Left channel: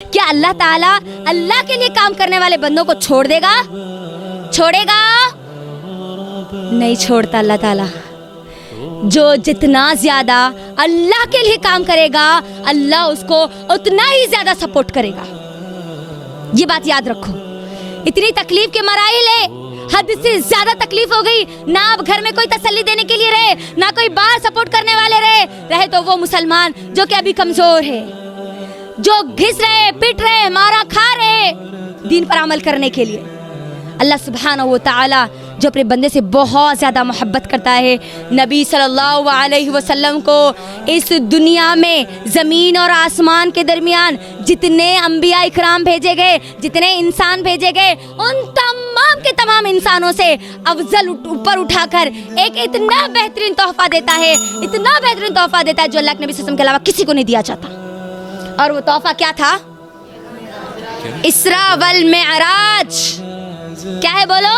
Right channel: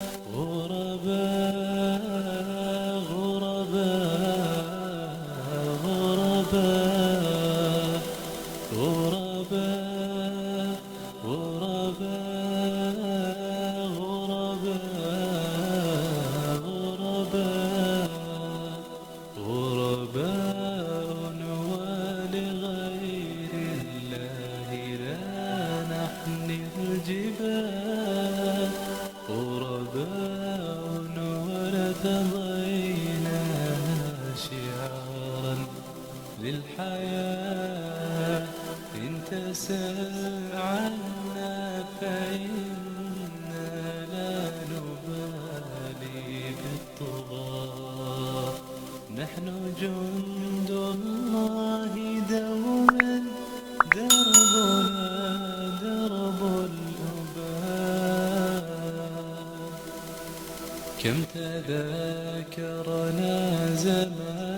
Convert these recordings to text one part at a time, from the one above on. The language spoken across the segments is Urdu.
کیا اللہ تعالیٰ اللہ کے لیے کام کرنے والے بندوں کو چھوڑ دے گا؟ چھوڑے گا؟ نہیں چھوڑتا اللہ تعالیٰ۔ جو جتنا زیادہ اللہ کے لیے کام کرے گا اللہ اس کو اتنا ہی زیادہ سپورٹ کرے گا۔ یہ بات یاد رکھو۔ اتنی تکلیف کے مراحل ہے، حد سے زیادہ تکلیف ہو گئی، نہ اب گھر میں کوئی تسلی دینے کے لیے رہے، نہ کوئی باہر سپورٹ کرنے والے رہے تو وہ مسلمان جو کہ ابھی کمزور ہے، جو گھس رہے، پٹ رہے، مارا کھا رہے دین پر عمل کرنے کے لیے۔ اللہ سبحانہ و تعالی جو اپنے بندے سے بہت زیادہ محبت کرتا ہے، نبی صلی اللہ علیہ وسلم کو اس دنیا میں زمین اور آسمان کے درمیان جتنے انبیاء اکرام بھیجے گئے، جتنے انسان بھیجے گئے، ان تمام کے تمام انسانوں سے افضل اوپر اٹھا کر ایک اتنا بہترین تحفہ دیتا ہے، اتنا بہترین تحفہ دیتا ہے جو اللہ کے نبی صلی اللہ علیہ وسلم کے علاوہ کسی کو نہیں دیا جاتا۔ اور وہ تحفہ کیا تھا؟ اسراء والمعراج۔ کیا ہے بولو؟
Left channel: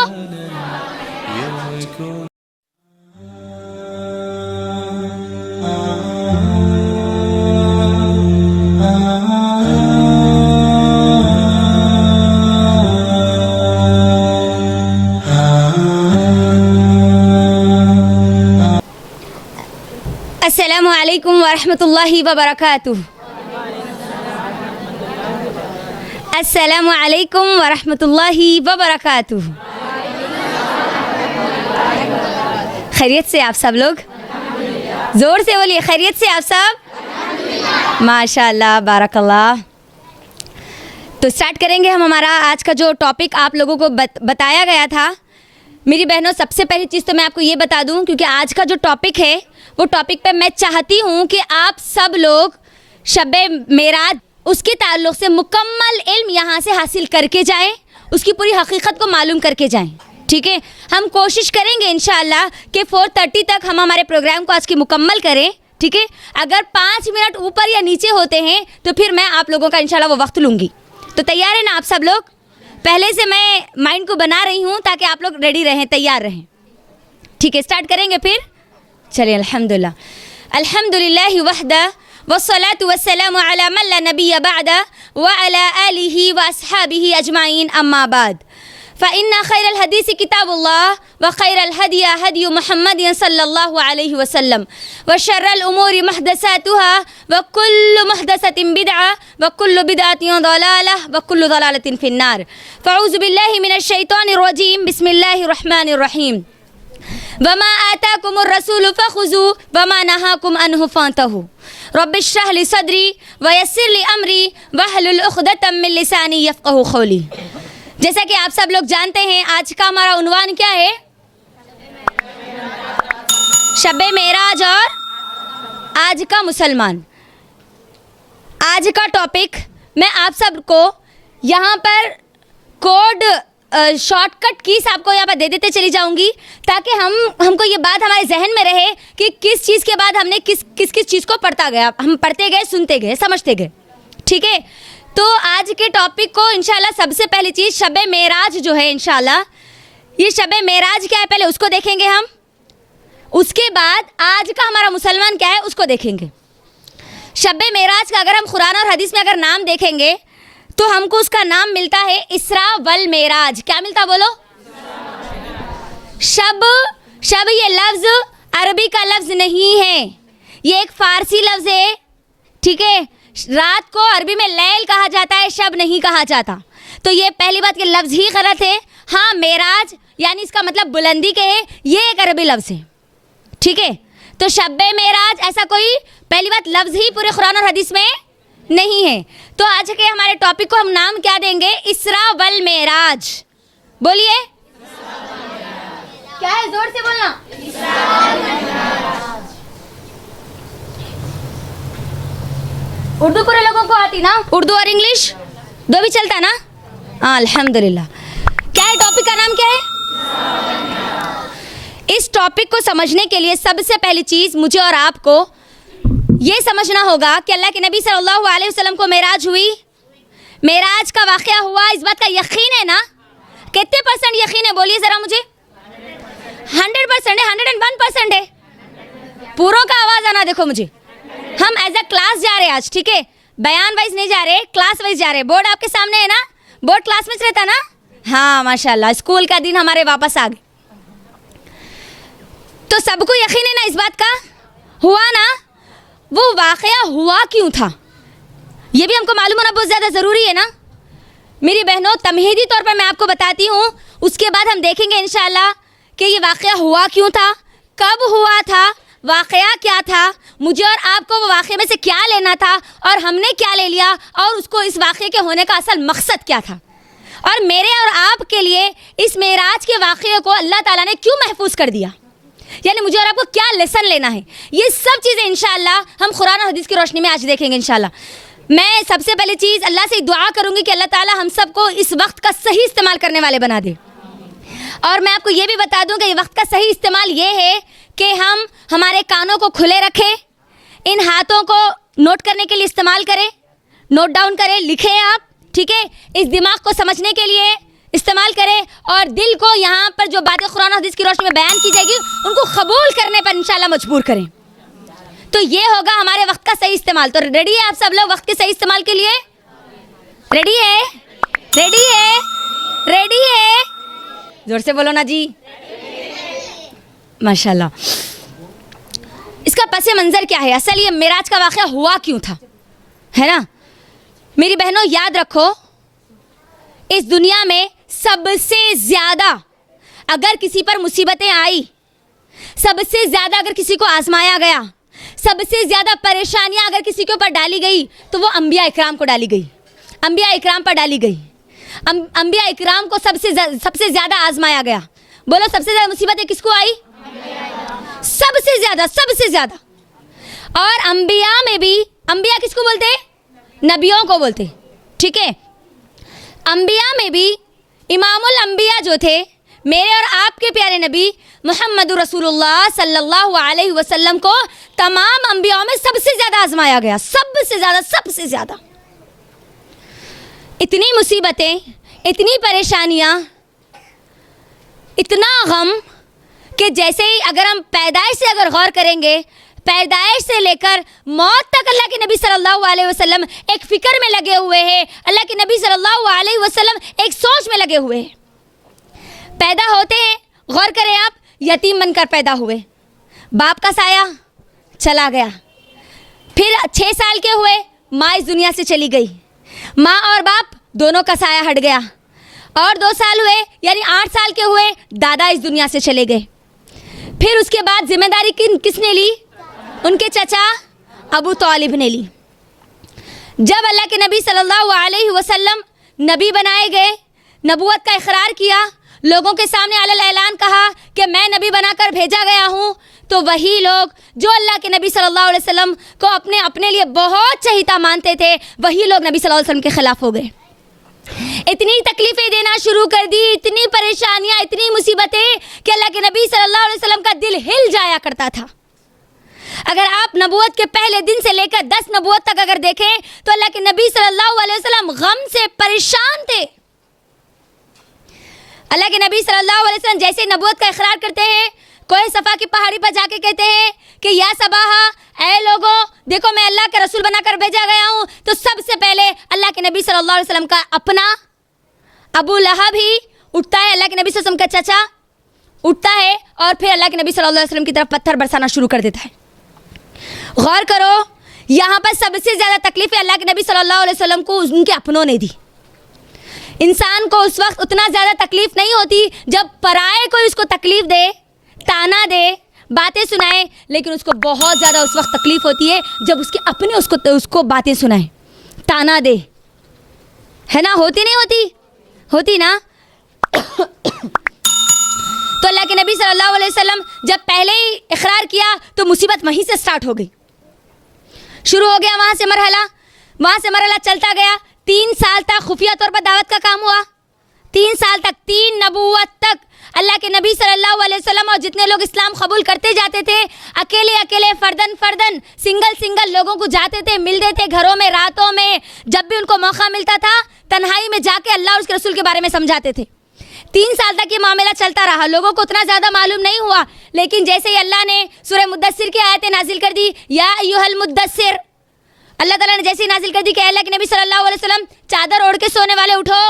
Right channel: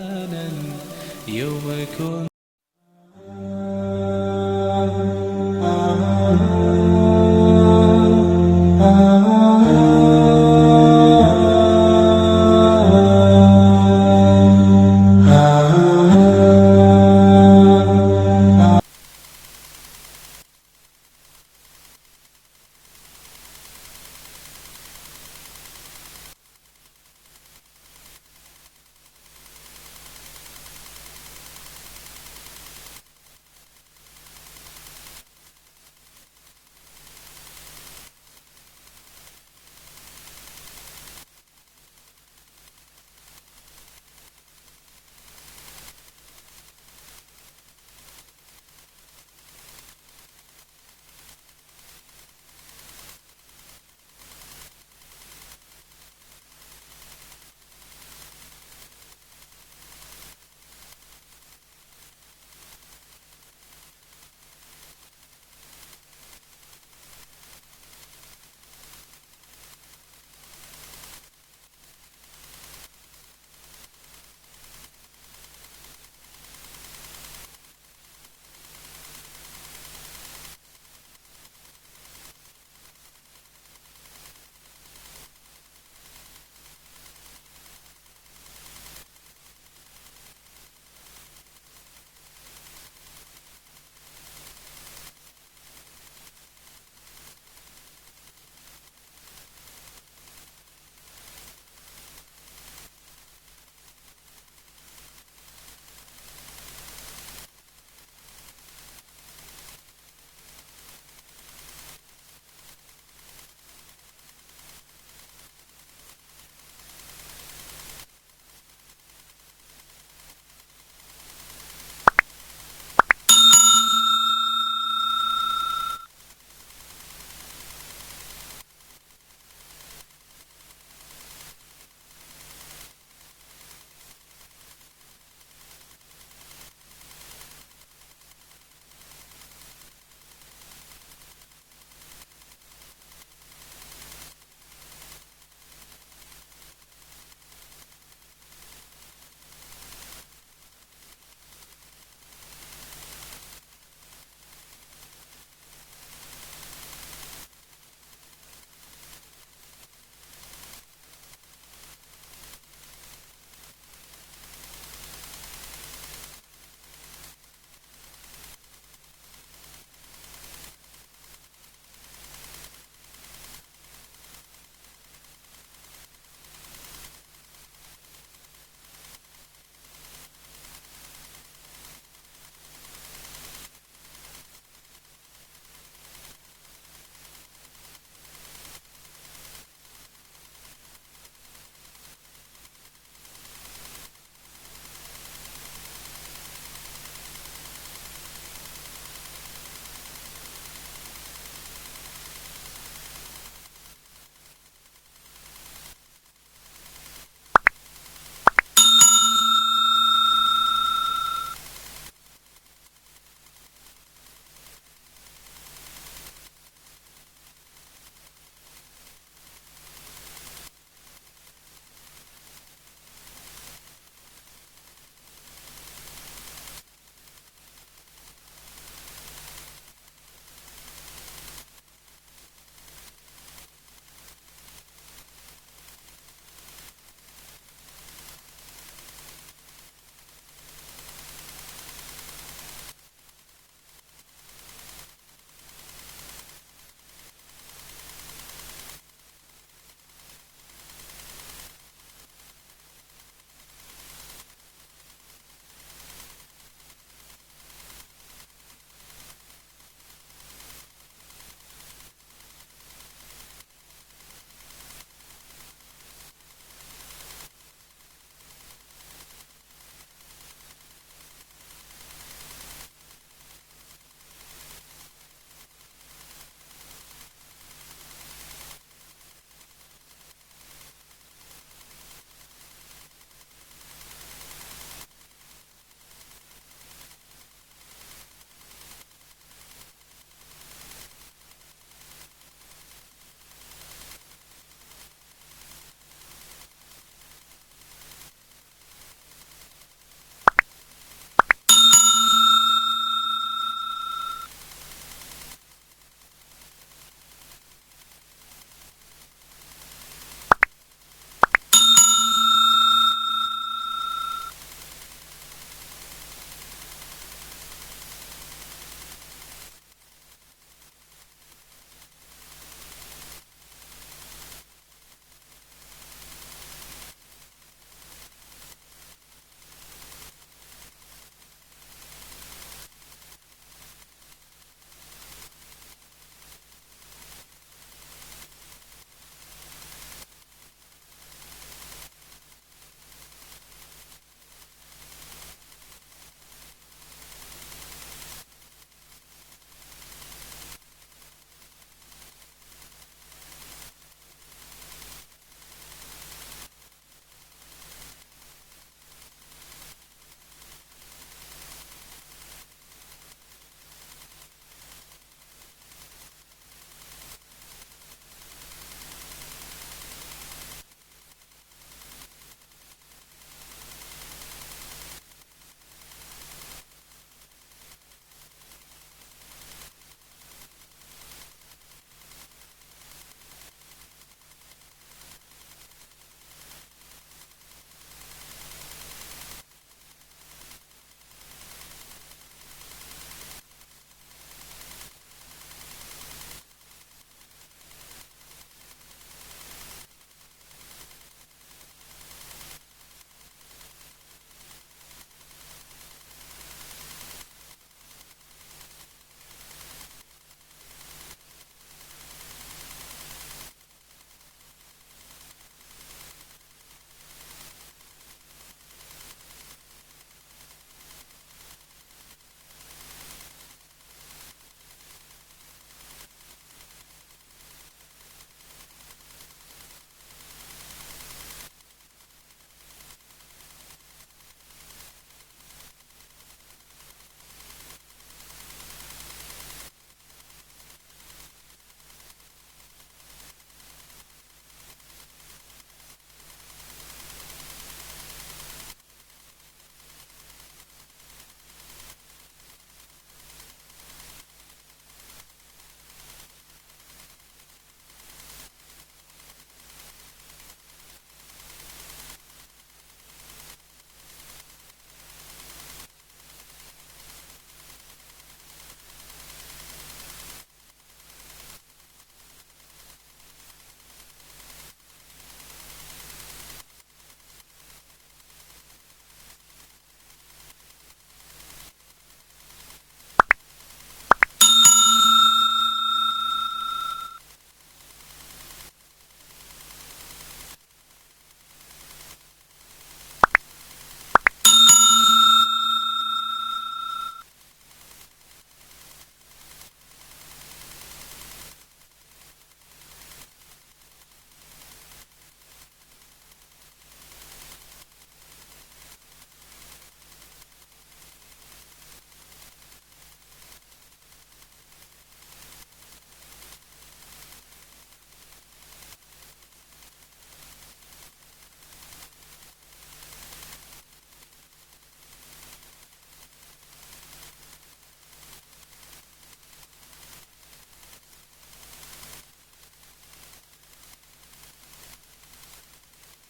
السلام علیکم ورحمۃ اللہ وبرکاتہ۔ السلام علیکم ورحمۃ اللہ وبرکاتہ۔ خیریت سے آپ سب لوگ؟ زور سے بولیے، خیریت سے آپ سب؟ ماشاء اللہ، بارک اللہ۔ تو سٹارٹ کریں گے ہم ہمارا آج کا جو ٹاپک آپ لوگوں کو بتایا گیا تھا۔ میری بہنوں، سب سے پہلی چیز تو میں آپ کو یہ بتا دوں، کیونکہ آج کا جو ٹاپک ہے وہ ٹاپک پہ میں چاہتی ہوں کہ آپ سب لوگ شب معراج اس کے تعلق سے مکمل علم یہاں سے حاصل کر کے جائیں، اس کی پوری حقیقت کو معلوم کر کے جائیں، ٹھیک ہے؟ ہم کوشش کریں گے انشاءاللہ کہ 4:30 تک ہم ہمارے پروگرام کو آج کی مکمل کریں، ٹھیک ہے؟ اگر 5 منٹ اوپر یا نیچے ہوتے ہیں تو پھر میں آپ لوگوں کا انشاءاللہ وہ وقت لوں گی۔ تو تیار ہیں نا آپ سب لوگ؟ پہلے سے میں مائنڈ کو بنا رہی ہوں تاکہ آپ لوگ ریڈی رہیں، تیار رہیں، ٹھیک ہے؟ سٹارٹ کریں گے پھر؟ چلیے، الحمدللہ الحمدللہ وحدہ والصلاة والسلام على من لا نبي بعد وعلى آله وأصحابه أجمعين، أما بعد فإن خير الحديث كتاب الله وخير الهدي هدي محمد صلى الله عليه وسلم وشر الأمور محدثاتها وكل محدثة بدعة وكل بدعة ضلالة وكل ضلالة في النار، فأعوذ بالله من الشيطان الرجيم، بسم الله الرحمن الرحيم، وما آتاكم الرسول فخذوه وما نهاكم عنه فانتهوا، رب اشرح لي صدری ویسر لی امری واحلل عقدۃ من لسانی یفقہوا قولی۔ جیسا کہ آپ سب لوگ جانتے ہیں آج کا ہمارا عنوان کیا ہے؟ شب معراج اور آج کا مسلمان۔ آج کا ٹاپک میں آپ سب کو یہاں پر کوڈ شارٹ کٹ کیز آپ کو یہاں پر دے دیتے چلی جاؤں گی تاکہ ہم کو یہ بات ہمارے ذہن میں رہے کہ کس چیز کے بعد ہم نے کس چیز کو پڑھتا گیا، ہم پڑھتے گئے، سنتے گئے، سمجھتے گئے، ٹھیک ہے؟ تو آج کے ٹاپک کو انشاءاللہ سب سے پہلی چیز شب معراج جو ہے، انشاءاللہ یہ شب معراج کیا ہے پہلے اس کو دیکھیں گے ہم، اس کے بعد آج کا ہمارا مسلمان کیا ہے اس کو دیکھیں گے۔ شب معراج کا اگر ہم قرآن اور حدیث میں اگر نام دیکھیں گے تو ہم کو اس کا نام ملتا ہے اسراء والمعراج۔ کیا ملتا بولو؟ شب یہ لفظ عربی کا لفظ نہیں ہے، یہ ایک فارسی لفظ ہے، ٹھیک ہے؟ رات کو عربی میں لیل کہا جاتا ہے، شب نہیں کہا جاتا، تو یہ پہلی بات کہ لفظ ہی غلط ہے۔ ہاں، معراج یعنی اس کا مطلب بلندی کے ہے، یہ ایک عربی لفظ ہے، ٹھیک ہے؟ تو شب معراج ایسا کوئی پہلی بات لفظ ہی پورے قرآن اور حدیث میں نہیں ہے۔ تو آج کے ہمارے ٹاپک کو ہم نام کیا دیں گے؟ اسراء والمعراج۔ بولیے، کیا ہے؟ زور سے بولنا۔ اردو پورے لوگوں کو آتی نا؟ اردو اور انگلش دو بھی چلتا نا؟ ہاں، الحمدللہ۔ کیا ہے ٹاپک کا نام؟ کیا ہے؟ اس ٹاپک کو سمجھنے کے لیے سب سے پہلی چیز مجھے اور آپ کو یہ سمجھنا ہوگا کہ اللہ کے نبی صلی اللہ علیہ وسلم کو معراج ہوئی، معراج کا واقعہ ہوا، اس بات کا یقین ہے نا؟ کتنے % یقین ہے؟ بولیے ذرا مجھے۔ 100% ہے، 101% ہے۔ پوروں کا آواز آنا دیکھو مجھے۔ ہم ایز اے کلاس جا رہے ہیں آج، ٹھیک ہے؟ بیان وائز نہیں جا رہے, کلاس وائز جا رہے. بورڈ آپ کے سامنے ہے نا, بورڈ کلاس میں رہتا نا. ہاں ماشاء اللہ, اسکول کا دن ہمارے واپس آ گئے. تو سب کو یقین ہے نا اس بات کا, ہوا نا, وہ واقعہ ہوا کیوں تھا یہ بھی ہم کو معلوم ہونا بہت زیادہ ضروری ہے نا میری بہنوں. تمہیدی طور پر میں آپ کو بتاتی ہوں, اس کے بعد ہم دیکھیں گے انشاءاللہ کہ یہ واقعہ ہوا کیوں تھا, کب ہوا تھا, واقعہ کیا تھا, مجھے اور آپ کو وہ واقعے میں سے کیا لینا تھا اور ہم نے کیا لے لیا, اور اس کو اس واقعے کے ہونے کا اصل مقصد کیا تھا, اور میرے اور آپ کے لیے اس معراج کے واقعے کو اللہ تعالیٰ نے کیوں محفوظ کر دیا, یعنی مجھے اور آپ کو کیا لیسن لینا ہے. یہ سب چیزیں انشاءاللہ ہم قرآن و حدیث کی روشنی میں آج دیکھیں گے انشاءاللہ. میں سب سے پہلی چیز اللہ سے دعا کروں گی کہ اللہ تعالیٰ ہم سب کو اس وقت کا صحیح استعمال کرنے والے بنا دے. اور میں آپ کو یہ بھی بتا دوں کہ یہ وقت کا صحیح استعمال یہ ہے کہ ہم ہمارے کانوں کو کھلے رکھیں, ان ہاتھوں کو نوٹ کرنے کے لیے استعمال کریں, نوٹ ڈاؤن کریں, لکھیں آپ, ٹھیک ہے, اس دماغ کو سمجھنے کے لیے استعمال کریں, اور دل کو یہاں پر جو باتیں قرآن و حدیث کی روشنی میں بیان کی جائے گی ان کو قبول کرنے پر انشاءاللہ مجبور کریں. تو یہ ہوگا ہمارے وقت کا صحیح استعمال. تو ریڈی ہے آپ سب لوگ وقت کے صحیح استعمال کے لیے؟ ریڈی ہے, ریڈی ہے, ریڈی ہے, زور سے بولو نا جی. ماشاءاللہ. اس کا پس منظر کیا ہے, اصل یہ معراج کا واقعہ ہوا کیوں تھا, ہے نا میری بہنوں. یاد رکھو اس دنیا میں سب سے زیادہ اگر کسی پر مصیبتیں آئی, سب سے زیادہ اگر کسی کو آزمایا گیا, سب سے زیادہ پریشانیاں اگر کسی کے اوپر ڈالی گئی تو وہ انبیاء اکرام کو ڈالی گئی, انبیاء اکرام پر ڈالی گئی. انبیاء اکرام کو سب سے زیادہ آزمایا گیا. بولو سب سے زیادہ مصیبتیں کس کو آئی؟ سب سے زیادہ, سب سے زیادہ. اور انبیاء میں بھی, انبیاء کس کو بولتے ہیں؟ نبیوں کو بولتے, ٹھیک ہے. انبیاء میں بھی امام الانبیاء جو تھے میرے اور آپ کے پیارے نبی محمد رسول اللہ صلی اللہ علیہ وسلم کو تمام انبیاء میں سب سے زیادہ آزمایا گیا, سب سے زیادہ, سب سے زیادہ. اتنی مصیبتیں, اتنی پریشانیاں, اتنا غم کہ جیسے ہی اگر ہم پیدائش سے اگر غور کریں گے, پیدائش سے لے کر موت تک اللہ کے نبی صلی اللہ علیہ وسلم ایک فکر میں لگے ہوئے ہیں, اللہ کے نبی صلی اللہ علیہ وسلم ایک سوچ میں لگے ہوئے ہیں. پیدا ہوتے ہیں, غور کریں آپ, یتیم بن کر پیدا ہوئے, باپ کا سایہ چلا گیا. پھر 6 سال کے ہوئے, ماں اس دنیا سے چلی گئی, ماں اور باپ دونوں کا سایہ ہٹ گیا. اور 2 سال ہوئے یعنی 8 سال کے ہوئے, دادا اس دنیا سے چلے گئے. پھر اس کے بعد ذمہ داری کس نے لی؟ ان کے چچا ابو طالب نے لی. جب اللہ کے نبی صلی اللہ علیہ وسلم نبی بنائے گئے, نبوت کا اقرار کیا, لوگوں کے سامنے علی الاعلان کہا کہ میں نبی بنا کر بھیجا گیا ہوں, تو وہی لوگ جو اللہ کے نبی صلی اللہ علیہ وسلم کو اپنے لیے بہت چہیتا مانتے تھے, وہی لوگ نبی صلی اللہ علیہ وسلم کے خلاف ہو گئے. اتنی تکلیفیں دینا شروع کر دی, اتنی پریشانیاں, اتنی مصیبتیں کہ اللہ کے نبی صلی اللہ علیہ وسلم کا دل ہل جایا کرتا تھا. اگر آپ نبوت کے پہلے دن سے لے کر 10 نبوت تک اگر دیکھیں تو اللہ کے نبی صلی اللہ علیہ وسلم غم سے پریشان تھے. اللہ کے نبی صلی اللہ علیہ وسلم جیسے نبوت کا اقرار کرتے ہیں, کوہ صفا کی پہاڑی پر جا کے کہتے ہیں کہ یا صباحا, اے لوگوں دیکھو میں اللہ کا رسول بنا کر بھیجا گیا ہوں, تو سب سے پہلے اللہ کے نبی صلی اللہ علیہ وسلم کا اپنا ابو لہب ہی اٹھتا ہے, اللہ کے نبی صلی اللہ علیہ وسلم کا چچا اٹھتا ہے, اور پھر اللہ کے نبی صلی اللہ علیہ وسلم کی طرف پتھر برسانا شروع کر دیتا ہے. غور کرو, یہاں پر سب سے زیادہ تکلیفیں اللہ کے نبی صلی اللہ علیہ وسلم کو ان کے اپنوں نے دی. انسان کو اس وقت اتنا زیادہ تکلیف نہیں ہوتی جب پرائے کوئی اس کو تکلیف دے, تانا دے, باتیں سنائے, لیکن اس کو بہت زیادہ اس وقت تکلیف ہوتی ہے جب اس کے اپنے اس کو باتیں سنائیں, تانا دے, ہے نا. ہوتی نہیں ہوتی؟ ہوتی نا. تو اللہ کے نبی صلی اللہ علیہ وسلم جب پہلے ہی اقرار کیا تو مصیبت وہیں سے سٹارٹ ہو گئی, شروع ہو گیا وہاں سے مرحلہ چلتا گیا. 3 سال تک خفیہ طور پر دعوت کا کام ہوا, 3 سال تک, 3 نبوت تک اللہ کے نبی صلی اللہ علیہ وسلم اور جتنے لوگ اسلام قبول کرتے جاتے تھے, اکیلے فردن سنگل لوگوں کو جاتے تھے, ملتے تھے گھروں میں, راتوں میں, جب بھی ان کو موقع ملتا تھا تنہائی میں جا کے اللہ اور اس کے رسول کے بارے میں سمجھاتے تھے. 3 سال تک یہ معاملہ چلتا رہا. لوگوں کو اتنا زیادہ معلوم نہیں ہوا, لیکن جیسے ہی اللہ نے سورہ مدثر کی آیتیں نازل کر دی, یا ایھا المدثر, اللہ تعالیٰ نے جیسی نازل کر دی کہ اللہ کے نبی صلی اللہ علیہ وسلم چادر اوڑھ کے سونے والے اٹھو،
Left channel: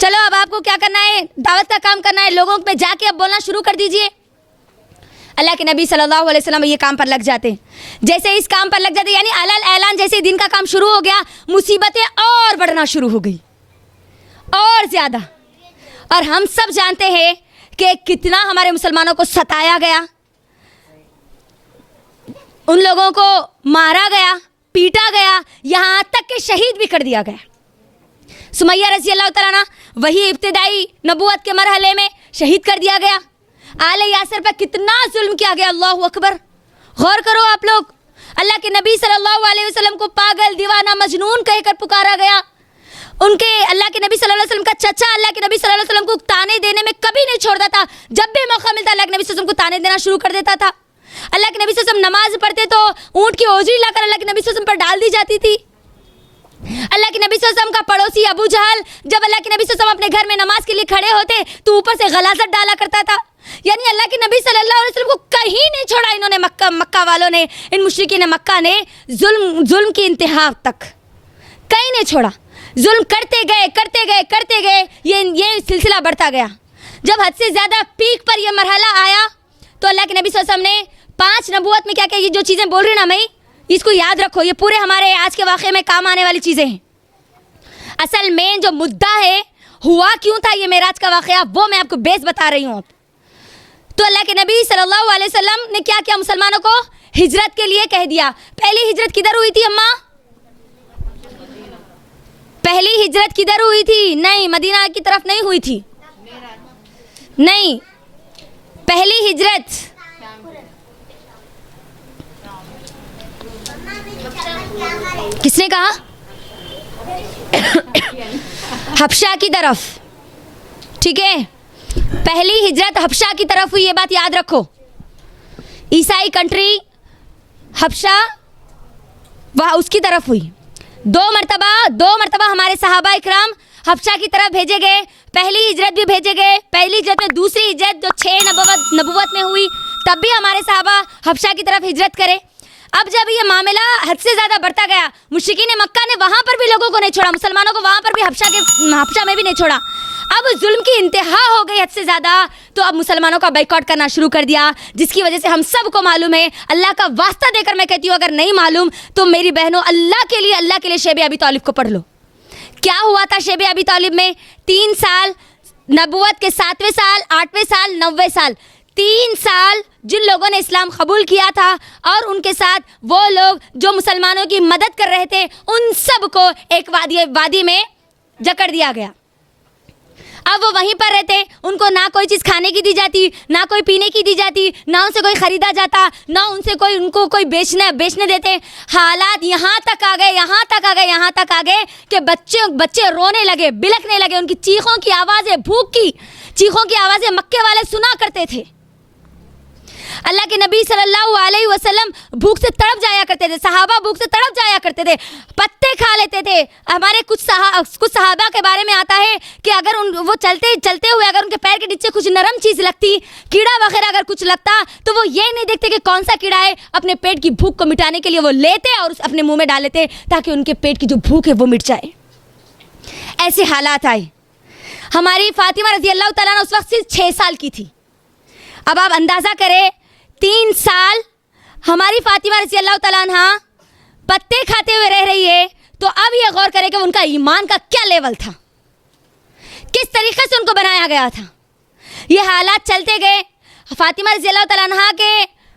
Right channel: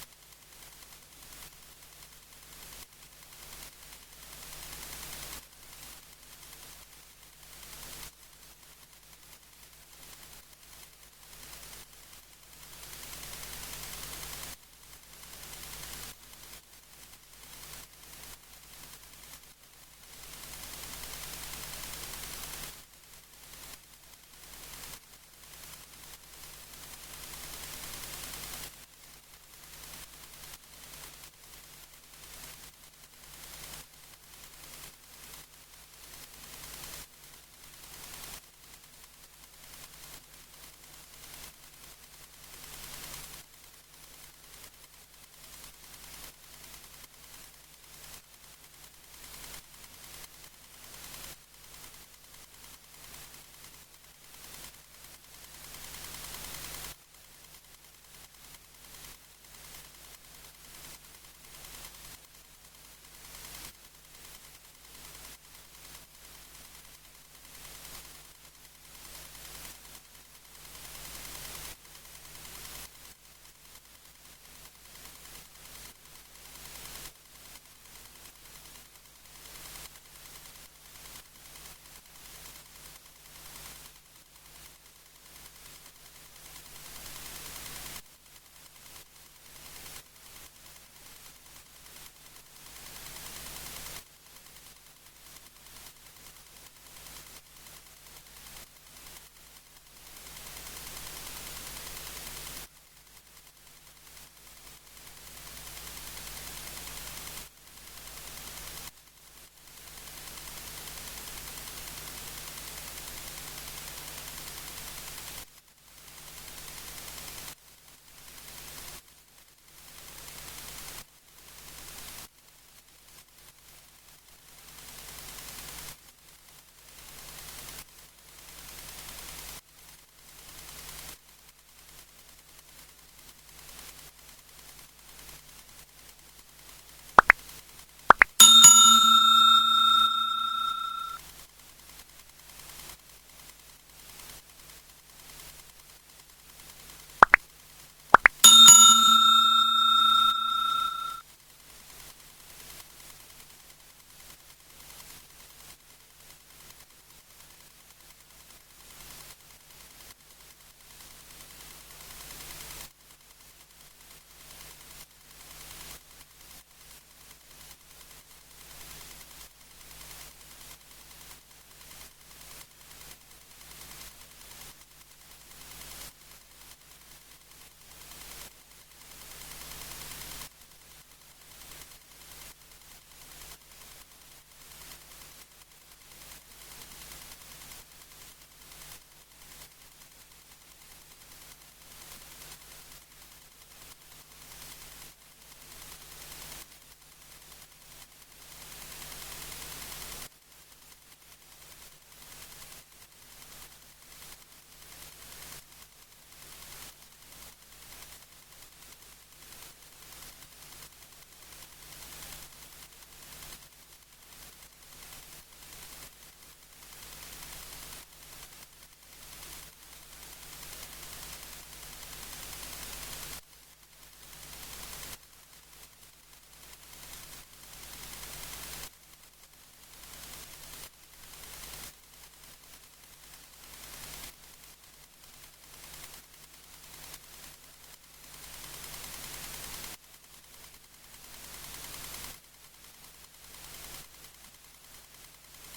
چلو اب آپ کو کیا کرنا ہے، دعوت کا کام کرنا ہے، لوگوں پہ جا کے اب بولنا شروع کر دیجئے۔ اللہ کے نبی صلی اللہ علیہ وسلم یہ کام پر لگ جاتے، جیسے اس کام پر لگ جاتے یعنی علل اعلان جیسے دن کا کام شروع ہو گیا، مصیبتیں اور بڑھنا شروع ہو گئی اور زیادہ۔ اور ہم سب جانتے ہیں کہ کتنا ہمارے مسلمانوں کو ستایا گیا، ان لوگوں کو مارا گیا، پیٹا گیا، یہاں تک کہ شہید بھی کر دیا گیا۔ سمیہ رضی اللہ تعالیٰ عنہ وہی ابتدائی نبوت کے مرحلے میں شہید کر دیا گیا۔ آل یاسر پر کتنا ظلم کیا گیا، اللہ اکبر، غور کرو آپ لوگ۔ اللہ کے نبی صلی اللہ علیہ وسلم کو پاگل، دیوانہ، مجنون کہہ کر پکارا گیا۔ ان کے اللہ کے نبی صلی اللہ علیہ وسلم کا چچا اللہ کے نبی صلی اللہ علیہ وسلم کو تانے دینے میں کبھی نہیں چھوڑتا تھا، جب بھی موقع ملتا اللہ کے نبی صلی اللہ علیہ وسلم کو تانے دینا شروع کر دیتا تھا۔ اللہ کے نبی صلی اللہ علیہ وسلم نماز پڑھتے تو اونٹ کی اوجری لا کر اللہ کے نبی صلی اللہ علیہ وسلم پر ڈال دی جاتی تھی۔ اللہ کے نبی صلی اللہ علیہ وسلم کا پڑوسی ابو جہل جب اللہ کے نبی صلی اللہ علیہ وسلم اپنے گھر میں نماز کے لیے کھڑے ہوتے تو اوپر سے غلاظت ڈالا کرتا تھا۔ یعنی اللہ کے نبی صلی اللہ علیہ وسلم کو کہیں نہیں چھوڑا انہوں نے، مکہ والوں نے، ان مشرکین مکہ نے ظلم کی انتہا تک کہیں نہیں چھوڑا، ظلم کرتے گئے، یہ سلسلہ بڑھتا گیا۔ جب حد سے زیادہ پیک پر یہ مرحلہ آیا تو اللہ کے نبی صلی اللہ علیہ وسلم نے 5 نبوت میں کیا یہ جو چیزیں بول رہی نا میں، اس کو یاد رکھو، یہ پورے ہمارے آج کے واقعے میں کام آنے والی چیزیں ہیں۔ اصل میں جو مدعا ہے ہوا کیوں تھا یہ معراج کا واقعہ، وہ میں آپ کو بیس بتا رہی ہوں۔ تو اللہ کے نبی صلی اللہ علیہ وسلم نے کیا کیا، مسلمانوں کو ہجرت کے لیے کہہ دیا۔ پہلی ہجرت کدھر ہوئی تھی اماں؟ پہلی ہجرت کدھر ہوئی تھی؟ نہیں، مدینہ کی طرف نہیں ہوئی تھی، نہیں، پہلی ہجرت کس نے کہا؟ حبشہ کی طرف، ٹھیک ہے، پہلی ہجرت حبشہ کی طرف ہوئی، یہ بات یاد رکھو۔ عیسائی کنٹری حبشہ وہاں اس کی طرف ہوئی۔ دو مرتبہ ہمارے صحابہ اکرام حبشہ کی طرف بھیجے گئے، پہلی ہجرت بھی بھیجے گئے، پہلی ہجرت میں، دوسری ہجرت جو 6 نبوت میں ہوئی تب بھی ہمارے صحابہ حبشہ کی طرف ہجرت کرے۔ اب جب یہ معاملہ حد سے زیادہ بڑھتا گیا، مشرکین مکہ نے وہاں پر بھی لوگوں کو نہیں چھوڑا، مسلمانوں کو وہاں پر بھی حبشہ میں بھی نہیں چھوڑا، اب ظلم کی انتہا ہو گئی حد سے زیادہ، تو اب مسلمانوں کا بائیکاٹ کرنا شروع کر دیا، جس کی وجہ سے ہم سب کو معلوم ہے۔ اللہ کا واسطہ دے کر میں کہتی ہوں اگر نہیں معلوم تو میری بہنوں اللہ کے لیے شیب ابی طالب کو پڑھ لو۔ کیا ہوا تھا شیب ابی طالب میں؟ 3 سال، نبوت کے 7ویں سال، 8ویں سال، 9ویں سال، 3 سال جن لوگوں نے اسلام قبول کیا تھا اور ان کے ساتھ وہ لوگ جو مسلمانوں کی مدد کر رہے تھے، ان سب کو ایک وادی میں جکڑ دیا گیا۔ اب وہ وہیں پر رہتے، ان کو نہ کوئی چیز کھانے کی دی جاتی، نہ کوئی پینے کی دی جاتی، نہ ان سے کوئی خریدا جاتا، نہ ان کو کوئی بیچنے دیتے۔ حالات یہاں تک آ گئے کہ بچے رونے لگے، بلکنے لگے، ان کی چیخوں کی آوازیں، بھوک کی چیخوں کی آوازیں مکے والے سنا کرتے تھے۔ اللہ کے نبی صلی اللہ علیہ وسلم بھوک سے تڑپ جایا کرتے تھے، صحابہ بھوک سے تڑپ جایا کرتے تھے، پتے کھا لیتے تھے۔ ہمارے کچھ صحابہ کے بارے میں آتا ہے کہ اگر وہ چلتے ہوئے اگر ان کے پیر کے نیچے کچھ نرم چیز لگتی، کیڑا وغیرہ اگر کچھ لگتا، تو وہ یہ نہیں دیکھتے کہ کون سا کیڑا ہے، اپنے پیٹ کی بھوک کو مٹانے کے لیے وہ لیتے اور اپنے منہ میں ڈال لیتے تاکہ ان کے پیٹ کی جو بھوک ہے وہ مٹ جائے۔ ایسے حالات آئے۔ ہماری فاطمہ رضی اللہ تعالیٰ عنہ اس وقت صرف 6 سال کی تھی۔ اب آپ اندازہ کریں 3 سال ہماری فاطمہ رضی اللہ تعالیٰ عنہ پتے کھاتے ہوئے رہ رہی ہے، تو اب یہ غور کرے کہ ان کا ایمان کا کیا لیول تھا، کس طریقے سے ان کو بنایا گیا تھا۔ یہ حالات چلتے گئے۔ فاطمہ رضی اللہ تعالیٰ عنہ کے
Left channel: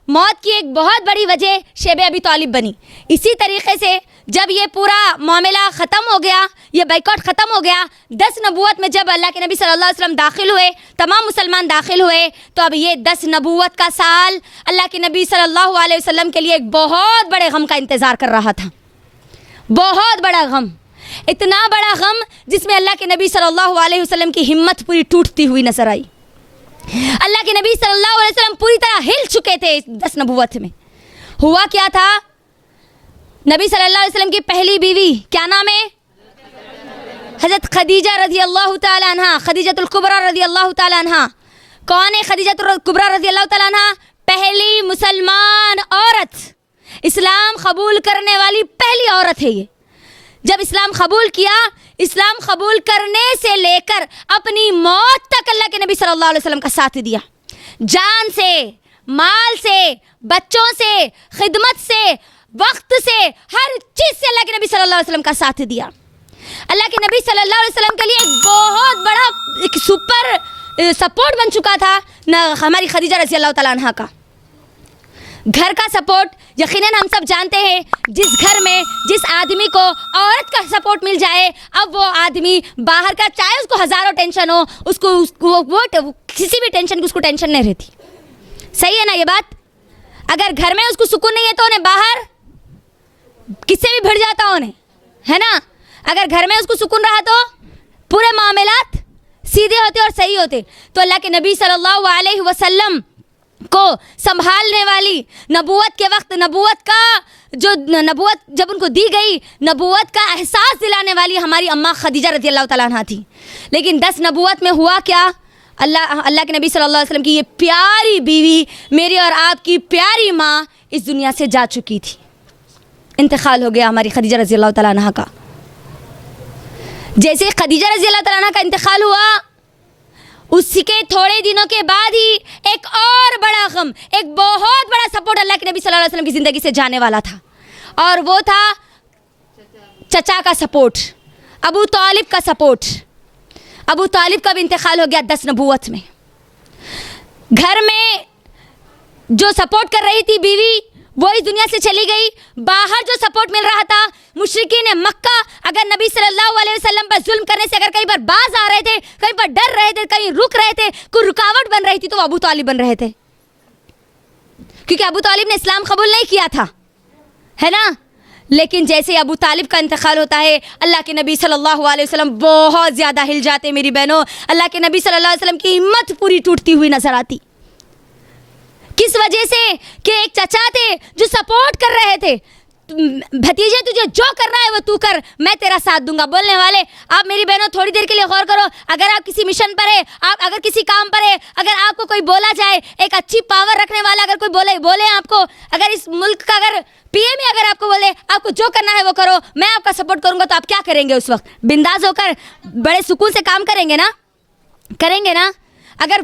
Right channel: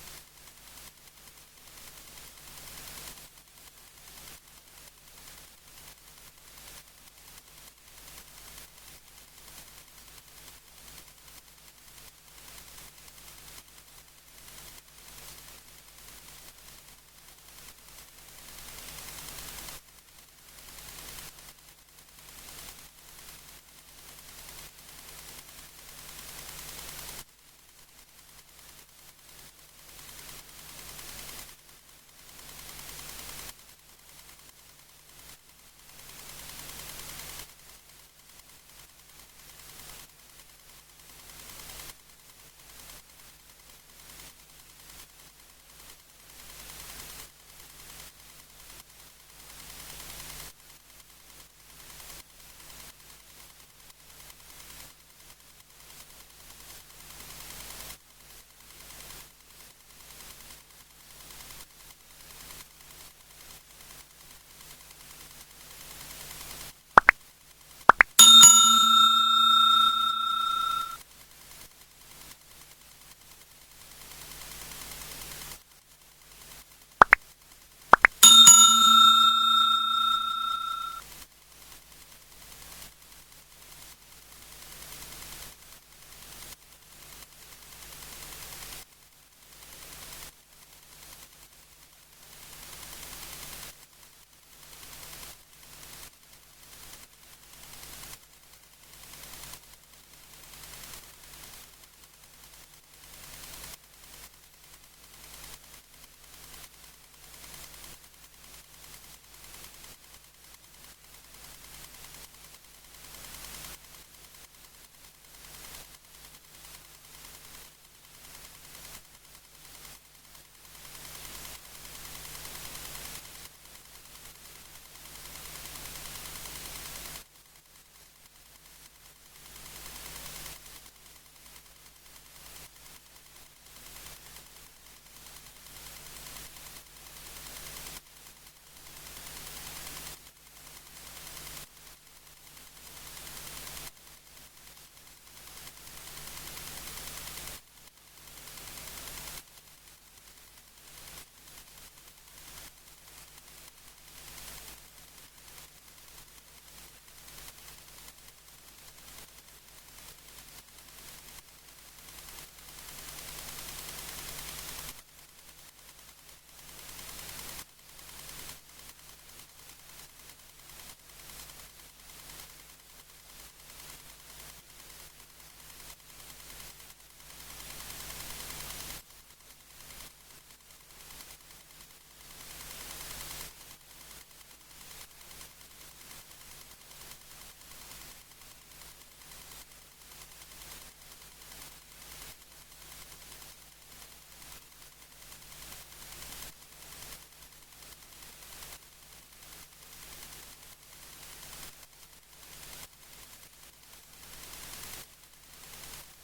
موت کی ایک بہت بڑی وجہ شیب ابی طالب بنی۔ اسی طریقے سے جب یہ پورا معاملہ ختم ہو گیا، یہ بائیکاٹ ختم ہو گیا، 10 نبوت میں جب اللہ کے نبی صلی اللہ علیہ وسلم داخل ہوئے، تمام مسلمان داخل ہوئے، تو اب یہ 10 نبوت کا سال اللہ کے نبی صلی اللہ علیہ وسلم کے لیے ایک بہت بڑے غم کا انتظار کر رہا تھا۔ بہت بڑا غم، اتنا بڑا غم جس میں اللہ کے نبی صلی اللہ علیہ وسلم کی ہمت پوری ٹوٹتی ہوئی نظر آئی۔ اللہ کے نبی صلی اللہ علیہ وسلم پوری طرح ہل چکے تھے۔ 10 نبوت میں ہوا کیا تھا؟ نبی صلی اللہ علیہ وسلم کی پہلی بیوی کیا نام ہے؟ حضرت خدیجہ رضی اللہ تعالی عنہ، خدیجۃ الکبریٰ رضی اللہ تعالی عنہ۔ کون ہے خدیجۃ الکبریٰ رضی اللہ تعالی عنہ؟ پہلی مسلمان عورت، اسلام قبول کرنے والی پہلی عورت ہے یہ. جب اسلام قبول کیا، اسلام قبول کرنے سے لے کر اپنی موت تک اللہ کے نبی صلی اللہ علیہ وسلم کا ساتھ دیا. جان سے، مال سے، بچوں سے، خدمت سے، وقت سے، ہر چیز سے اللہ کے نبی صلی اللہ علیہ وسلم کا ساتھ دیا. اللہ کے نبی صلی اللہ علیہ وسلم کے لیے ایک بہت بڑا ایک سپر سپورٹ بن چکا تھا نہ ہماری خدیجہ رضی اللہ تعالیٰ عنہ کا. گھر کا سپورٹ یقیناً ہم سب جانتے ہیں، جس گھر میں جس آدمی کو عورت کا سپورٹ مل جائے، اب وہ آدمی باہر کا، چاہے اس کو ہزاروں ٹینشن ہو، اس کو وہ کسی بھی ٹینشن کی اس کو ٹینشن نہیں رہتی. صحیح ہے نا یہ بات؟ اگر گھر میں اس کو سکون نہیں ہے تو انہیں باہر کس سے بھی بھڑ جاتا انہیں، ہے نا؟ اگر گھر میں اس کو سکون رہا تو پورے معاملات سیدھے ہوتے اور صحیح ہوتے. تو اللہ کے نبی صلی اللہ علیہ وسلم کو سنبھالنے والی، نبوت کے وقت نبوت جب ان کو دی گئی، نبوت کا احساس دلانے والی ہماری اماں خدیجہ رضی اللہ تعالیٰ عنہ تھی. لیکن 10 نبوت میں ہوا کیا؟ اللہ کے نبی صلی اللہ علیہ وسلم کی یہ پیاری بیوی، میری اور آپ کی پیاری ماں اس دنیا سے جا چکی تھی. انتقال ہو گیا ہماری خدیجہ رضی اللہ تعالیٰ عنہ کا. جیسے خدیجہ رضی اللہ تعالیٰ عنہ کا انتقال ہوا، اس کے تھوڑے دنوں کے بعد ہی ایک اور بڑا غم، ایک بہت بڑا سپورٹ اللہ کے نبی صلی اللہ علیہ وسلم کی زندگی سے جانے والا تھا، اور وہ تھا چچا کا سپورٹ، ابو طالب کا سپورٹ. ابو طالب کا بھی انتقال ہو گیا 10 نبوت میں. گھر میں جو سپورٹ کر رہی تھی بیوی، وہ اس دنیا سے چلی گئی. باہر جو سپورٹ مل رہا تھا، مشرکین مکہ اگر نبی صلی اللہ علیہ وسلم پر ظلم کرنے سے اگر کئی بار باز آ رہے تھے، کئی بار ڈر رہے تھے، کہیں رک رہے تھے، کوئی رکاوٹ بن رہی تھی، تو وہ ابو طالب بن رہے تھے، کیونکہ ابو طالب نے اسلام قبول نہیں کیا تھا، ہے نا؟ لیکن جیسے ابو طالب کا انتقال ہوتا ہے، اللہ کے نبی صلی اللہ علیہ وسلم بہت زیادہ ہل جاتے. میری بہنوں، اللہ کے نبی صلی اللہ علیہ وسلم کی ہمت پوری ٹوٹتی ہوئی نظر آتی. کس وجہ سے؟ کہ ایک چچا تھے جو سپورٹ کر رہے تھے، بھتیجے تجھے جو کرنا ہے وہ تو کر، میں تیرا ساتھ دوں گا. بولنے والے آپ میری بہنوں تھوڑی دیر کے لیے غور کرو. اگر آپ کسی مشن پر ہے، آپ اگر کسی کام پر ہے، اگر آپ کو کوئی بولا جائے، ایک اچھی پاور رکھنے والا اگر کوئی بولے آپ کو، اگر اس ملک کا اگر پی ایم اگر آپ کو بولے آپ کو جو کرنا ہے وہ کرو، میں آپ کا سپورٹ کروں گا، تو آپ کیا کریں گے؟ اس وقت بنداز ہو کر بڑے سکون سے کام کریں گے نا؟ کریں گے نا؟ اگر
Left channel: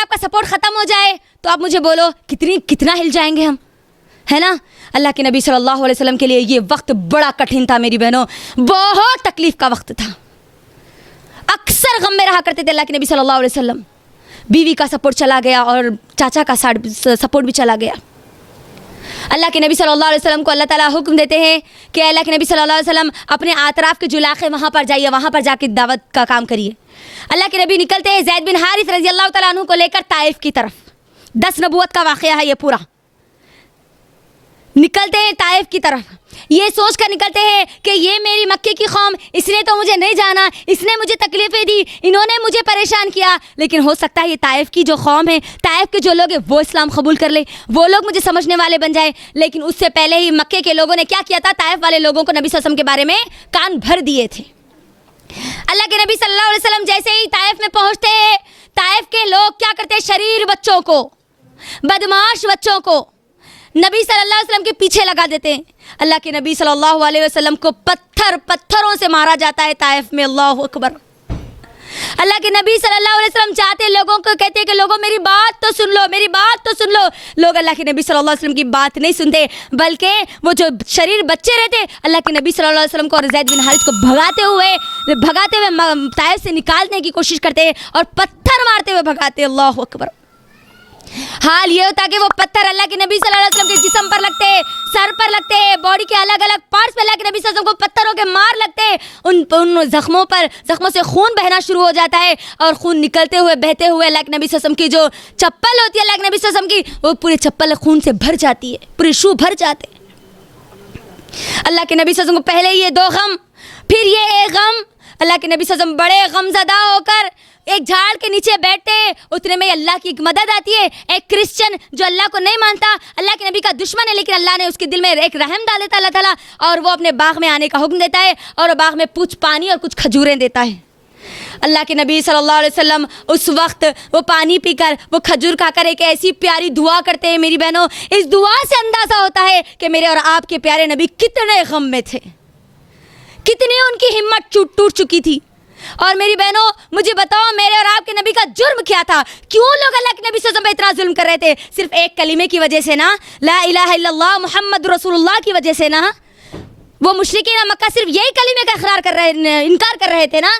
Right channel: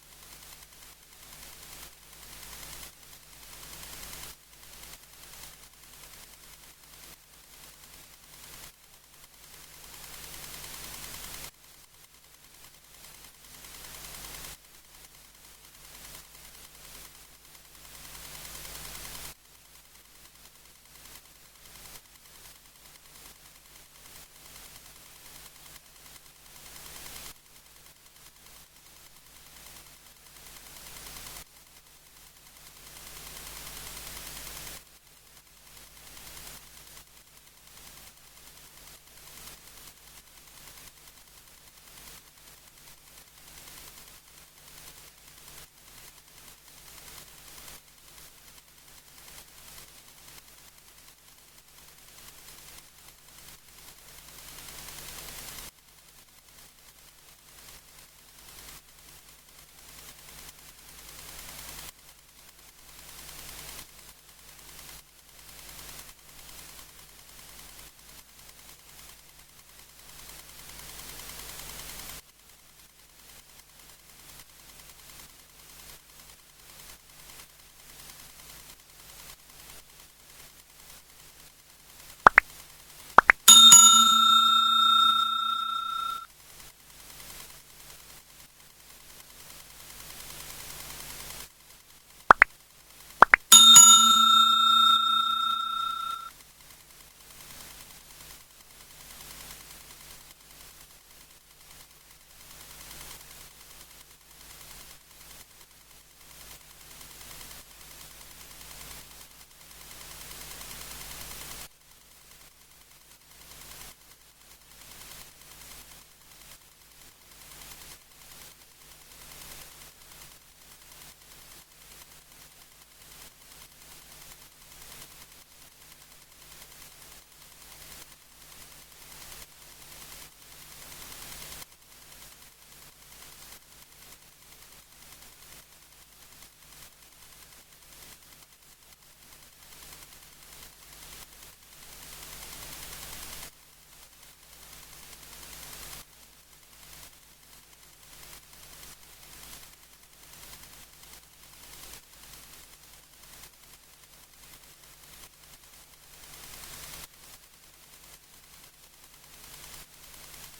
آپ کا سپورٹ ختم ہو جائے تو آپ مجھے بولو کتنا ہل جائیں گے ہم، ہے نا؟ اللہ کے نبی صلی اللہ علیہ وسلم کے لیے یہ وقت بڑا کٹھن تھا میری بہنوں، بہت تکلیف کا وقت تھا. اکثر غم میں رہا کرتے تھے اللہ کے نبی صلی اللہ علیہ وسلم. بیوی کا سپورٹ چلا گیا اور چاچا کا سپورٹ بھی چلا گیا. اللہ کے نبی صلی اللہ علیہ وسلم کو اللہ تعالیٰ حکم دیتے ہیں کہ اللہ کے نبی صلی اللہ علیہ وسلم اپنے اطراف کے جو علاقے وہاں پر جائیے، وہاں پر جا کے دعوت کا کام کریے. اللہ کے نبی نکلتے ہیں زید بن حارث رضی اللہ تعالیٰ عنہ کو لے کر طائف کی طرف. 10 نبوت کا واقعہ ہے یہ پورا. نکلتے ہیں طائف کی طرف، یہ سوچ کر نکلتے ہیں کہ یہ میری مکے کی قوم، اس نے تو مجھے نہیں جانا، اس نے مجھے تکلیفیں دی، انہوں نے مجھے پریشان کیا، لیکن ہو سکتا ہے یہ طائف کی جو قوم ہے، طائف کے جو لوگ ہیں وہ اسلام قبول کر لے، وہ لوگ مجھے سمجھنے والے بن جائے. لیکن اس سے پہلے ہی مکے کے لوگوں نے کیا کیا تھا؟ طائف والے لوگوں کو نبی صلی اللہ علیہ وسلم کے بارے میں کان بھر دیے تھے. اللہ کے نبی صلی اللہ علیہ وسلم جیسے ہی طائف میں پہنچتے ہیں، طائف کے لوگ کیا کرتے ہیں؟ شریر بچوں کو، بدماش بچوں کو نبی صلی اللہ علیہ وسلم کے پیچھے لگا دیتے ہیں. اللہ کے نبی صلی اللہ علیہ وسلم کو پتھروں سے مارا جاتا ہے طائف میں. اللہ اکبر. اللہ کے نبی صلی اللہ علیہ وسلم چاہتے لوگوں کو، کہتے ہیں کہ لوگوں میری بات تو سن لو، میری بات تو سن لو. لوگ اللہ کے نبی صلی اللہ علیہ وسلم کی بات نہیں سنتے، بلکہ وہ جو شریر بچے رہتے اللہ کے نبی صلی اللہ علیہ وسلم کو اور زید بن حارث کو بھگاتے ہوئے طائف سے نکالنے کی کوشش کرتے اور پتھر مارتے ہوئے بھگاتے. اللہ اکبر. حال یہ ہوتا کہ وہ پتھر اللہ کے نبی صلی اللہ علیہ وسلم کے جسم پر لگتے، سر پر لگتے، باڈی کے الگ الگ پارٹس پہ اللہ کے نبی صلی اللہ علیہ وسلم کو پتھروں کے مار لگتے. ان زخموں سے خون بہنا شروع ہو جاتا ہے، اور خون نکلتے ہوئے بہتے ہوئے اللہ کے نبی صلی اللہ علیہ وسلم کی جو چپل ہوتی ہے، اللہ کے نبی صلی اللہ علیہ وسلم کی، وہ پوری چپل خون سے بھر جاتی ہے، پورے شو بھر جاتے. اللہ کے نبی صلی اللہ علیہ وسلم کو پہلے یہ 2 غم، پھر یہ ایک غم. اللہ کے نبی صلی اللہ علیہ وسلم بڑے غم زدہ ہو کر ایک جھاڑ کے نیچے بیٹھتے ہیں. اتنے میں اللہ کی ایک مدد آتی ہے. ایک کرسچن جو اللہ کو نہیں مانتا، اللہ کے نبی کا دشمن ہے، لیکن اللہ نے اس کے دل میں ایک رحم ڈال دیتا اللہ تعالیٰ، اور وہ اپنے باغ میں آنے کا حکم دیتا ہے، اور باغ میں کچھ پانی اور کچھ کھجوریں دیتا ہے. اللہ کے نبی صلی اللہ علیہ وسلم اس وقت وہ پانی پی کر وہ کھجور کھا کر ایک ایسی پیاری دعا کرتے ہیں میری بہنوں, اس دعا سے اندازہ ہوتا ہے کہ میرے اور آپ کے پیارے نبی کتنے غم میں تھے, کتنی ان کی ہمت ٹوٹ چکی تھی. اور میری بہنوں مجھے بتاؤ میرے اور آپ کے نبی کا جرم کیا تھا؟ کیوں لوگ اللہ کے نبی صلی اللہ علیہ وسلم پہ اتنا ظلم کر رہے تھے؟ صرف ایک کلمے کی وجہ سے نا, لا الہ الا اللہ محمد رسول اللہ کی وجہ سے نا. وہ مشرکین مکہ صرف یہی کلمے کا انکار کر رہے تھے نا.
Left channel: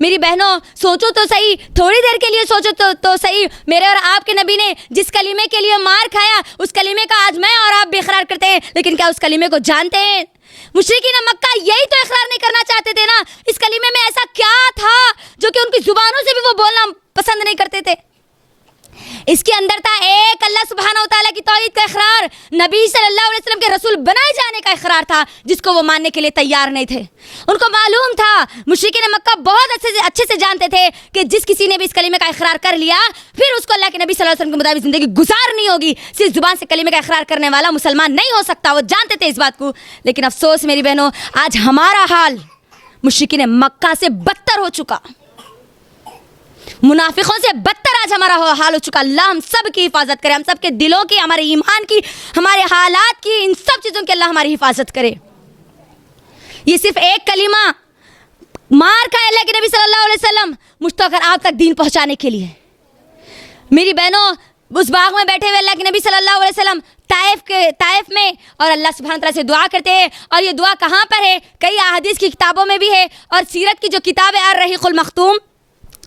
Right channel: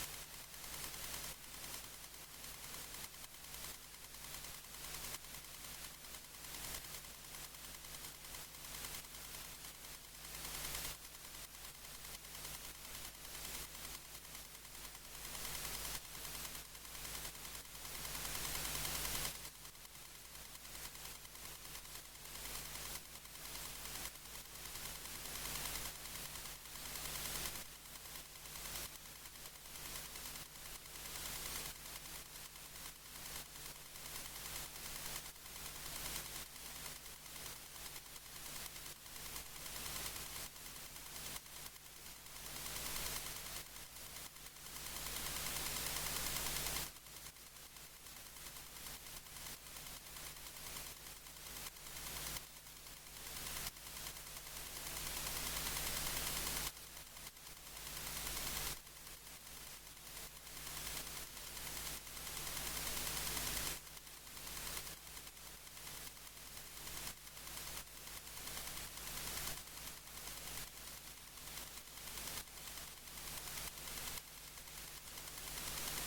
میری بہنوں سوچو تو صحیح, تھوڑی دیر کے لیے سوچو تو صحیح, میرے اور آپ کے نبی نے جس کلمے کے لیے مار کھایا اس کلمے کا آج میں اور آپ بھی اقرار کرتے ہیں, لیکن کیا اس کلمے کو جانتے ہیں؟ مشرکین مکہ یہی تو اقرار نہیں کرنا چاہتے تھے نا. اس کلمے میں ایسا کیا تھا جو کہ ان کی زبانوں سے بھی وہ بولنا پسند نہیں کرتے تھے؟ اس کے اندر تھا ایک اللہ سبحانہ و تعالیٰ کی توحید کا اقرار, نبی صلی اللہ علیہ وسلم کے رسول بنائے جانے کا اقرار تھا, جس کو وہ ماننے کے لیے تیار نہیں تھے. ان کو معلوم تھا, مشرکین مکہ بہت اچھے سے جانتے تھے کہ جس کسی نے بھی اس کلمے کا اقرار کر لیا پھر اس کو اللہ کے نبی صلی اللہ علیہ وسلم کے مطابق زندگی گزارنی ہوگی. صرف زبان سے کلمے کا اقرار کرنے والا مسلمان نہیں ہو سکتا, وہ جانتے تھے اس بات کو. لیکن افسوس میری بہنوں, آج ہمارا حال مشرکین مکہ سے بدتر ہو چکا, منافقوں سے بدتر آج ہمارا حال ہو چکا. اللہ ہم سب کی حفاظت کرے, ہم سب کے دلوں کی, ہمارے ایمان کی, ہمارے حالات کی, ان سب چیزوں کی اللہ ہماری حفاظت کرے. یہ صرف ایک کلمہ مار کا اللہ کے نبی صلی اللہ علیہ وسلم مشتاق آپ تک دین پہنچانے کے لیے. میری بہنوں اس باغ میں بیٹھے ہوئے اللہ کے نبی صلی اللہ علیہ وسلم طائف میں, اور اللہ سبحانہ تعالیٰ سے دعا کرتے ہیں. اور یہ دعا کہاں پر ہے؟ کئی احادیث کی کتابوں میں بھی ہے, اور سیرت کی جو کتاب ہے الرحیق المختوم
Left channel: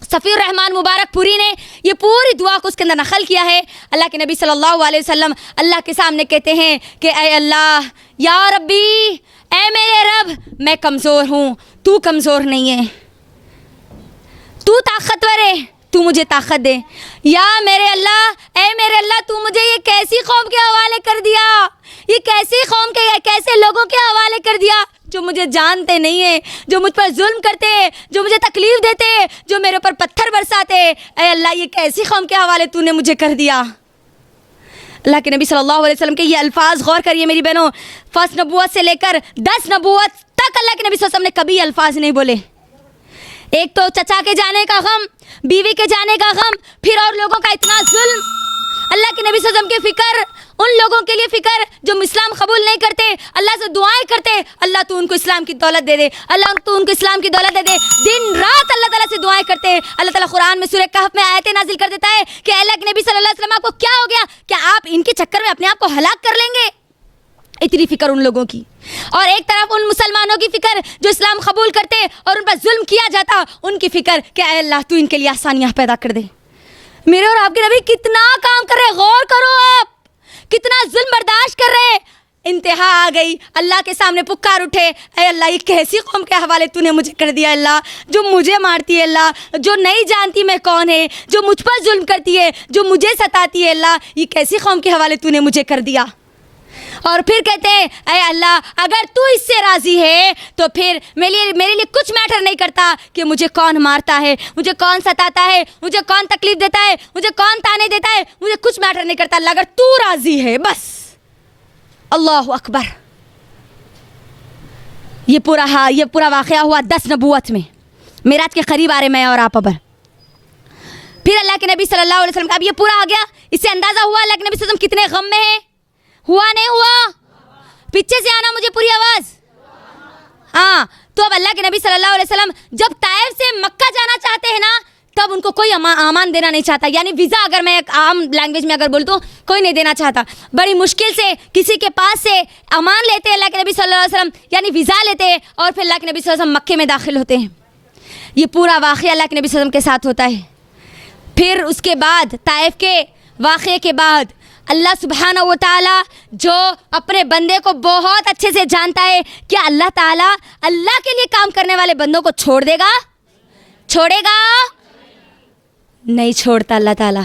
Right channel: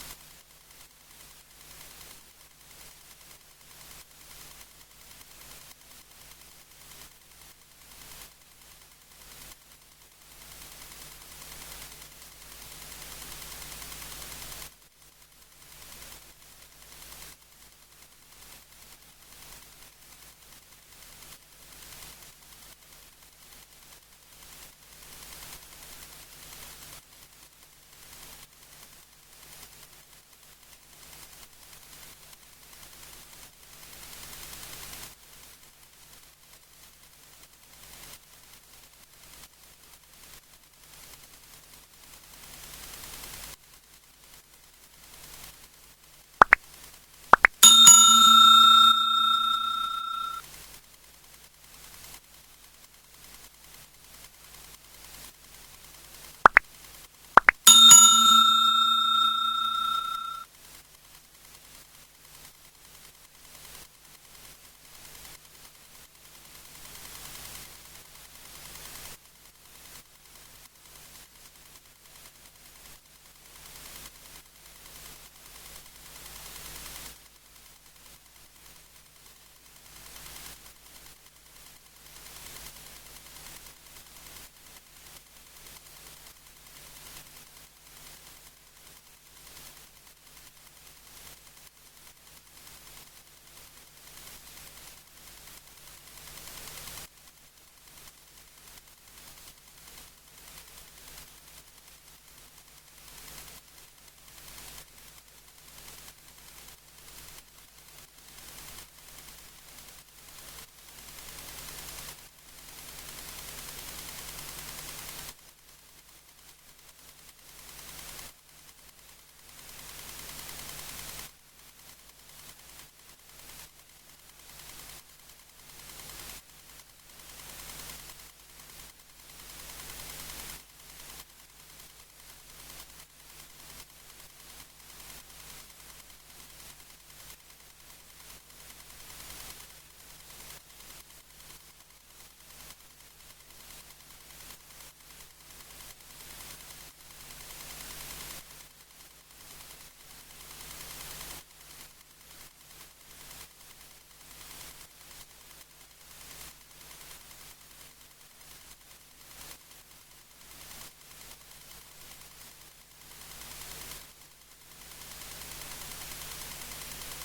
صفی الرحمن مبارک پوری نے یہ پوری دعا کو اس کے اندر نقل کیا ہے. اللہ کے نبی صلی اللہ علیہ وسلم اللہ کے سامنے کہتے ہیں کہ اے اللہ, یا ربی, اے میرے رب, میں کمزور ہوں, تو کمزور نہیں ہے, تو طاقتور ہے, تو مجھے طاقت دے. یا میرے اللہ, اے میرے اللہ, تو مجھے یہ کیسی قوم کے حوالے کر دیا, یہ کیسی قوم کے کیسے لوگوں کے حوالے کر دیا جو مجھے جانتے نہیں ہیں, جو مجھ پر ظلم کرتے, جو مجھے تکلیف دیتے, جو میرے اوپر پتھر برساتے. اے اللہ, یہ کیسی قوم کے حوالے تو نے مجھے کر دیا. اللہ کے نبی صلی اللہ علیہ وسلم کے یہ الفاظ غور کریے میری بہنوں, فرسٹ نبوت سے لے کر 10 نبوت تک اللہ کے نبی صلی اللہ علیہ وسلم نے کبھی الفاظ نہیں بولے. ایک تو چچا کے جانے کا غم, بیوی کے جانے کا غم, پھر اور لوگوں کا اتنا ظلم, اللہ کے نبی صلی اللہ علیہ وسلم کی فکر, ان لوگوں کے لیے فکر جو اسلام قبول نہیں کرتے, اللہ سے دعائیں کرتے, اللہ تو ان کو اسلام کی دولت دے دے, اللہ تو ان کو اسلام کی دولت دے دے. دن رات اللہ تعالیٰ سے دعائیں کرتے. اللہ تعالیٰ قرآن میں سورہ کہف میں آیتیں نازل کر دیتا ہے کہ اللہ کے نبی صلی اللہ علیہ وسلم آپ کو کیا ہو گیا, کیا آپ ان کے چکر میں اپنے آپ کو ہلاک کر لیں گے؟ اتنی فکر ان لوگوں کی. اور ایک طرف ان مسلمانوں کی فکر جو اسلام قبول کرتے اور ان پر ظلم کیا جاتا, ان کی فکر کہ اے اللہ تو ان کے لیے آسانیاں پیدا کر دے. میرے اور آپ کے نبی کتنا کام کر رہے, غور کرو آپ, کتنا ظلم برداشت کر رہے. انتہا آ گئی, اللہ کے سامنے پکار اٹھے, اے اللہ یہ کیسی قوم کے حوالے تو نے مجھے کر دیا اللہ, جو مجھے مارتی ہے اللہ, جو نہیں جانتی میں کون ہے, جو مجھ پر ظلم کرتی ہے, جو مجھے ستاتی ہے اللہ, یہ کیسی قوم کے حوالے تو نے مجھے کر دیا. اور پھر کہتے ہیں اے اللہ اگر تو اس سے راضی ہے تو پھر میرے لیے کچھ میٹر نہیں کرتا کہ مجھے کون مارتا ہے, مجھے کون ستاتا ہے, مجھے کون تکلیف دیتا ہے, مجھے کون تانے دیتا ہے, مجھے کچھ میٹر نہیں کرتا اللہ, اگر تو راضی ہے بس. اللہ اکبر. یہ پورا واقعہ ہوا 10 نبوت میں, معراج کے قریب آ رہے میں اور آپ پر. پھر اللہ کے نبی صلی اللہ علیہ وسلم کا اب یہ پورا آ گیا, اس سے اندازہ ہوا اللہ کے نبی صلی اللہ علیہ وسلم کتنے غم میں ہیں. ہوا نہیں ہوا؟ پیچھے سے آنا مجھے پوری آواز. ہاں, تو اب اللہ کے نبی صلی اللہ علیہ وسلم جب طائف سے مکہ جانا چاہتے ہیں نا, تب ان کو کوئی امان دینا نہیں چاہتا, یعنی ویزا اگر میں ایک عام لینگویج میں اگر بولتا ہوں, کوئی نہیں دینا چاہتا. بڑی مشکل سے کسی کے پاس سے امان لیتے ہیں اللہ کے نبی صلی اللہ علیہ وسلم, یعنی ویزا لیتے ہیں, اور پھر اللہ کے نبی صلی اللہ علیہ وسلم مکے میں داخل ہوتے ہیں. یہ پورا واقعہ اللہ کے نبی صلی اللہ علیہ وسلم کے ساتھ ہوتا ہے. پھر اس کے بعد طائف کے واقعے کے بعد اللہ سبحانہ و تعالیٰ جو اپنے بندے کو بہت اچھے سے جانتا ہے, کیا اللہ تعالیٰ اللہ کے لیے کام کرنے والے بندوں کو چھوڑ دے گا؟ چھوڑے گا؟ نہیں چھوڑتا اللہ تعالیٰ.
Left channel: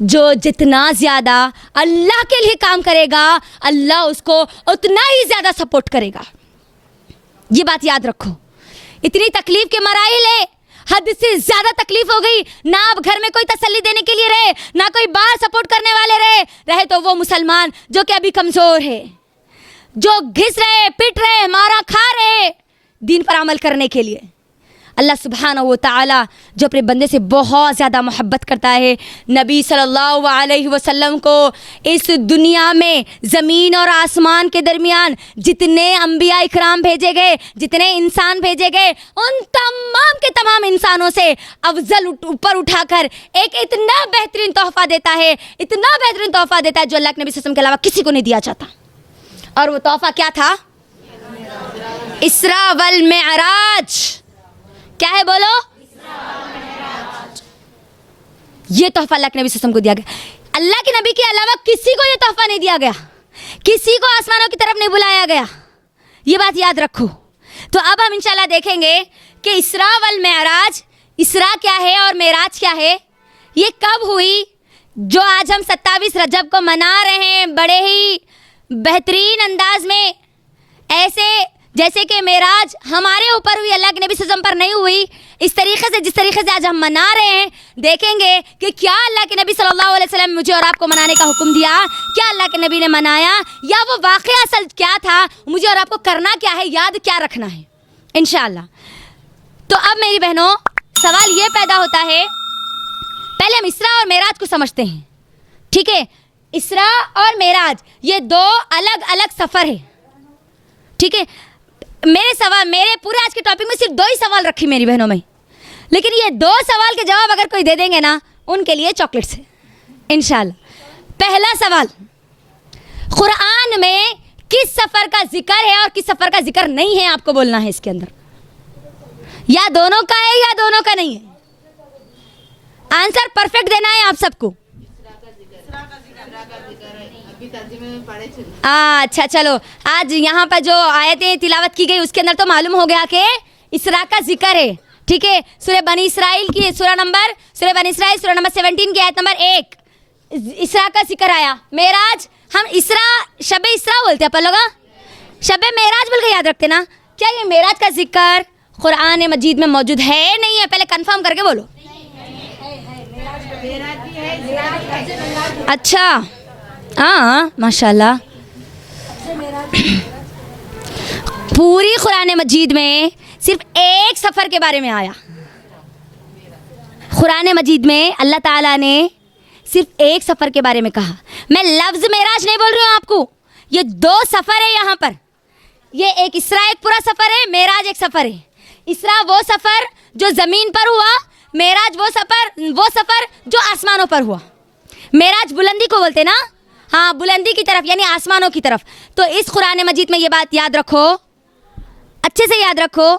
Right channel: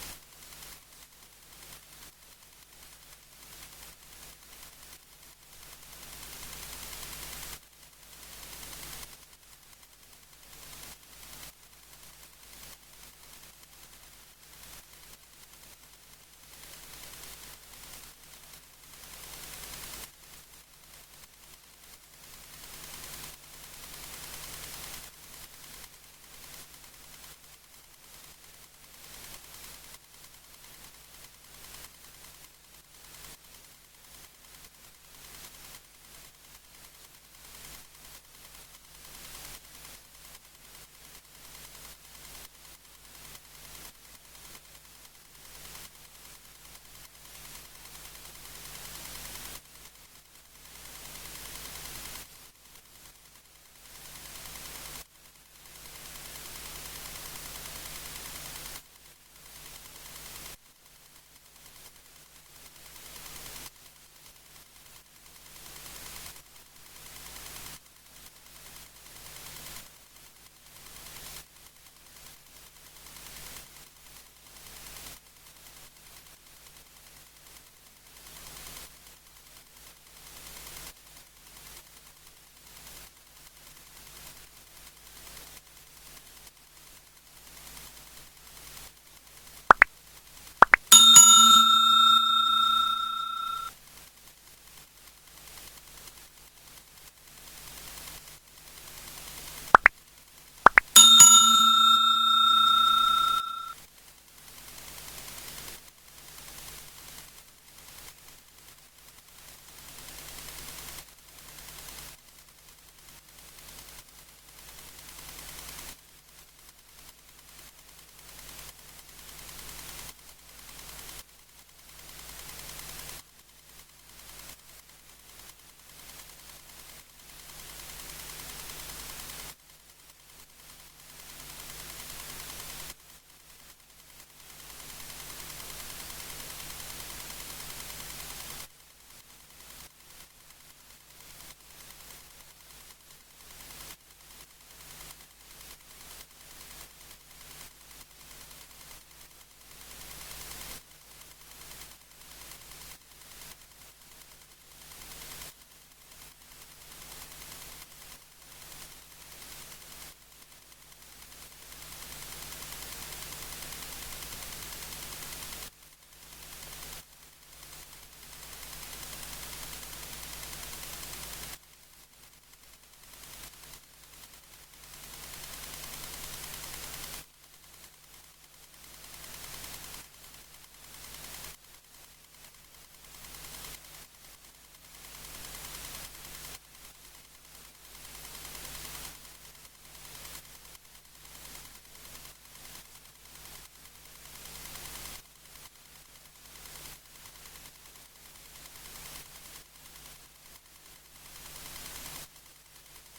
جو جتنا زیادہ اللہ کے لیے کام کرے گا اللہ اس کو اتنا ہی زیادہ سپورٹ کرے گا. یہ بات یاد رکھو. اتنی تکلیف کے مراحل ہے, حد سے زیادہ تکلیف ہو گئی, نہ اب گھر میں کوئی تسلی دینے کے لیے رہے, نہ کوئی باہر سپورٹ کرنے والے رہے تو وہ مسلمان جو کہ ابھی کمزور ہے, جو گھس رہے, پٹ رہے, مارا کھا رہے دین پر عمل کرنے کے لیے. اللہ سبحانہ و تعالی جو اپنے بندے سے بہت زیادہ محبت کرتا ہے، نبی صلی اللہ علیہ وسلم کو اس دنیا میں زمین اور آسمان کے درمیان جتنے انبیاء اکرام بھیجے گئے، جتنے انسان بھیجے گئے، ان تمام کے تمام انسانوں سے افضل اوپر اٹھا کر ایک اتنا بہترین تحفہ دیتا ہے، اتنا بہترین تحفہ دیتا ہے جو اللہ کے نبی صلی اللہ علیہ وسلم کے علاوہ کسی کو نہیں دیا جاتا. اور وہ تحفہ کیا تھا؟ اسراء والمعراج. کیا ہے بولو؟ یہ تحفہ اللہ کے نبی صلی اللہ علیہ وسلم کو دیا گیا. اللہ کے نبی کے علاوہ کسی کو یہ تحفہ نہیں دیا گیا، کسی کو آسمانوں کی طرف نہیں بلایا گیا. یہ بات یاد رکھو. تو اب ہم انشاءاللہ دیکھیں گے کہ اسراء والمعراج، اسراء کیا ہے اور معراج کیا ہے، یہ کب ہوئی. جو آج ہم 27 رجب کو منا رہے ہیں بڑے ہی بہترین انداز میں، ایسے جیسے کہ معراج ہمارے اوپر ہوئی، اللہ کے نبی صلی اللہ علیہ وسلم پر نہیں ہوئی، اس طریقے سے جس طریقے سے آج ہم منا رہے ہیں، دیکھیں گے کہ کیا اللہ کے نبی صلی اللہ علیہ وسلم مجھے اور آپ کو منانے کا حکم دیا، کیا اللہ کے نبی نے منایا، یا وہ واقعہ اصل کیا تھا، مجھے اور آپ کو کرنا کیا ہے، یاد کیا رکھنا ہے انشاءاللہ. تو اب میری بہنوں سوال یہ پیدا ہوتا ہے، پہلے ہم اسراء اور معراج کو سمجھتے ہیں. ٹھیک ہے، اسراء اور معراج یہ دو الگ الگ سفر ہے. ٹھیک ہے، میرے پورے آج کے ٹاپک میں صرف 2 ہی سوال رکھی میری بہنوں میں، لیکن یہ 2 سوال کے جواب اگر کوئی دے دیں گے نا، ان کے لیے چاکلیٹس ہے انشاءاللہ. پہلا سوال، قرآن میں کس سفر کا ذکر ہے اور کس سفر کا ذکر نہیں ہے، آپ کو بولنا ہے اس کے اندر. یا دونوں کا ہے یا دونوں کا نہیں ہے. آنسر پرفیکٹ دینا ہے آپ سب کو. اچھا چلو، آج یہاں پر جو آیتیں تلاوت کی گئی اس کے اندر تو معلوم ہو گیا کہ اسراء کا ذکر ہے. ٹھیک ہے، سورہ بنی اسرائیل کی سورہ نمبر 17 کی آیت نمبر 1 اسراء کا ذکر آیا. معراج ہم شب اسراء بولتے ہیں، اپن لوگ شب معراج بول کے یاد رکھتے نا. کیا یہ معراج کا ذکر قرآن مجید میں موجود ہے نہیں ہے؟ پہلے کنفرم کر کے بولو. اچھا ہاں ماشاءاللہ. پوری قرآن مجید میں صرف ایک سفر کے بارے میں آیا. قرآن مجید میں اللہ تعالیٰ نے صرف ایک سفر کے بارے میں کہا. میں لفظ معراج نہیں بول رہی ہوں آپ کو، یہ 2 سفر ہے یہاں پر. یہ ایک اسراء ایک پورا سفر ہے، معراج ایک سفر ہے. اسراء وہ سفر جو زمین پر ہوا، معراج وہ سفر جو آسمانوں پر ہوا. معراج بلندی کو بولتے نا، ہاں بلندی کی طرف یعنی آسمانوں کی طرف. تو اس قرآن مجید میں یہ بات یاد رکھو، اچھے سے یاد رکھو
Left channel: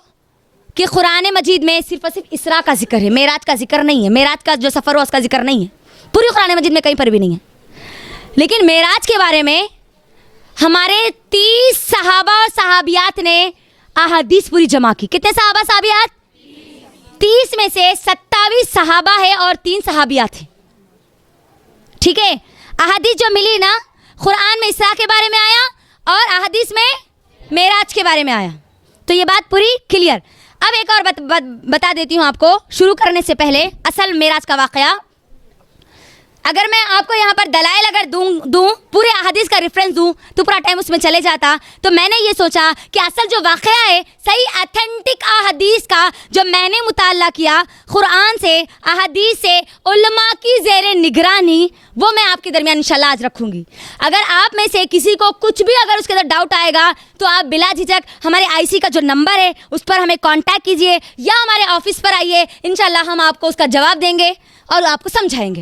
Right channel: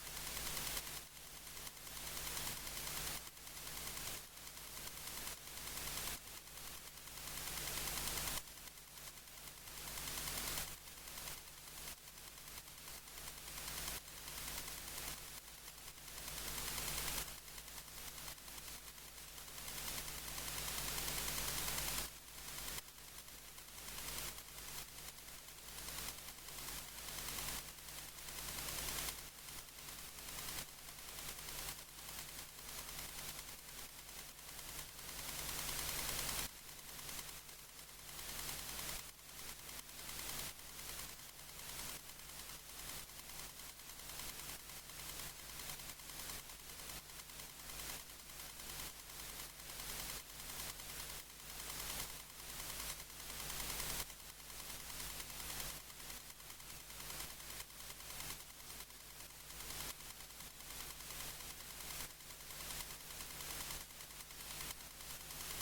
کہ قرآن مجید میں صرف اور صرف اسراء کا ذکر ہے، معراج کا ذکر نہیں ہے. معراج کا جو سفر ہوا اس کا ذکر نہیں ہے پوری قرآن مجید میں، کہیں پر بھی نہیں ہے. لیکن معراج کے بارے میں ہمارے 30 صحابہ اور صحابیات نے احادیث پوری جمع کی. کتنے صحابہ صحابیات؟ 30 میں سے 27 صحابہ ہے اور 3 صحابیات ہیں. ٹھیک ہے، احادیث جو ملی نا، قرآن میں اسراء کے بارے میں آیا اور احادیث میں معراج کے بارے میں آیا. تو یہ بات پوری کلیئر. اب ایک اور بتا دیتی ہوں آپ کو شروع کرنے سے پہلے اصل معراج کا واقعہ. اگر میں آپ کو یہاں پر دلائل اگر دوں پورے احادیث کا ریفرنس دوں تو پورا ٹائم اس میں چلے جاتا. تو میں نے یہ سوچا کہ اصل جو واقعہ ہے صحیح ایتھنٹک احادیث کا جو میں نے مطالعہ کیا قرآن سے، احادیث سے، علماء کی زیر نگرانی، وہ میں آپ کے درمیان انشاءاللہ آج رکھوں گی. اگر آپ میں سے کسی کو کچھ بھی اگر اس کے اندر ڈاؤٹ آئے گا تو آپ بلا جھجک ہمارے IC کا جو نمبر ہے اس پر ہمیں کانٹیکٹ کیجئے یا ہمارے آفس پر آئیے، انشاءاللہ ہم آپ کو اس کا جواب دیں گے اور آپ کو سمجھائیں گے،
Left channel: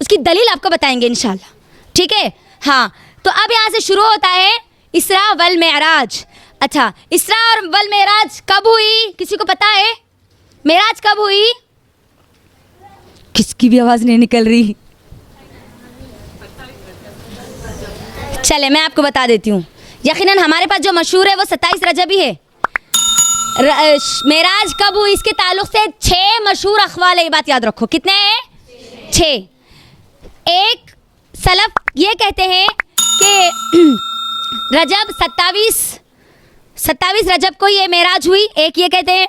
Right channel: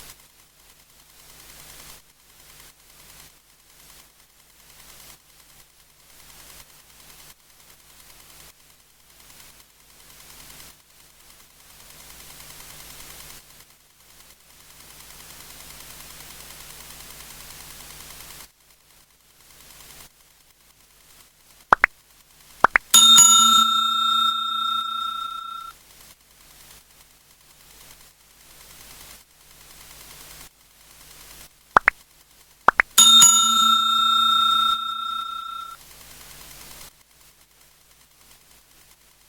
اس کی دلیل آپ کو بتائیں گے انشاءاللہ. ٹھیک ہے، ہاں. تو اب یہاں سے شروع ہوتا ہے اسراء والمعراج. اچھا، اسراء اور والمعراج کب ہوئی؟ کسی کو پتا ہے معراج کب ہوئی؟ کس کی بھی آواز نہیں نکل رہی. چلے میں آپ کو بتا دیتی ہوں. یقیناً ہمارے پاس جو مشہور ہے وہ 27 رجب ہی ہے. معراج کب ہوئی اس کے تعلق سے 6 مشہور اقوال ہے. یہ بات یاد رکھو. کتنے ہیں؟ 6. ایک سلف یہ کہتے ہیں کہ رجب 27 رجب کو یہ معراج ہوئی، ایک یہ کہتے ہیں.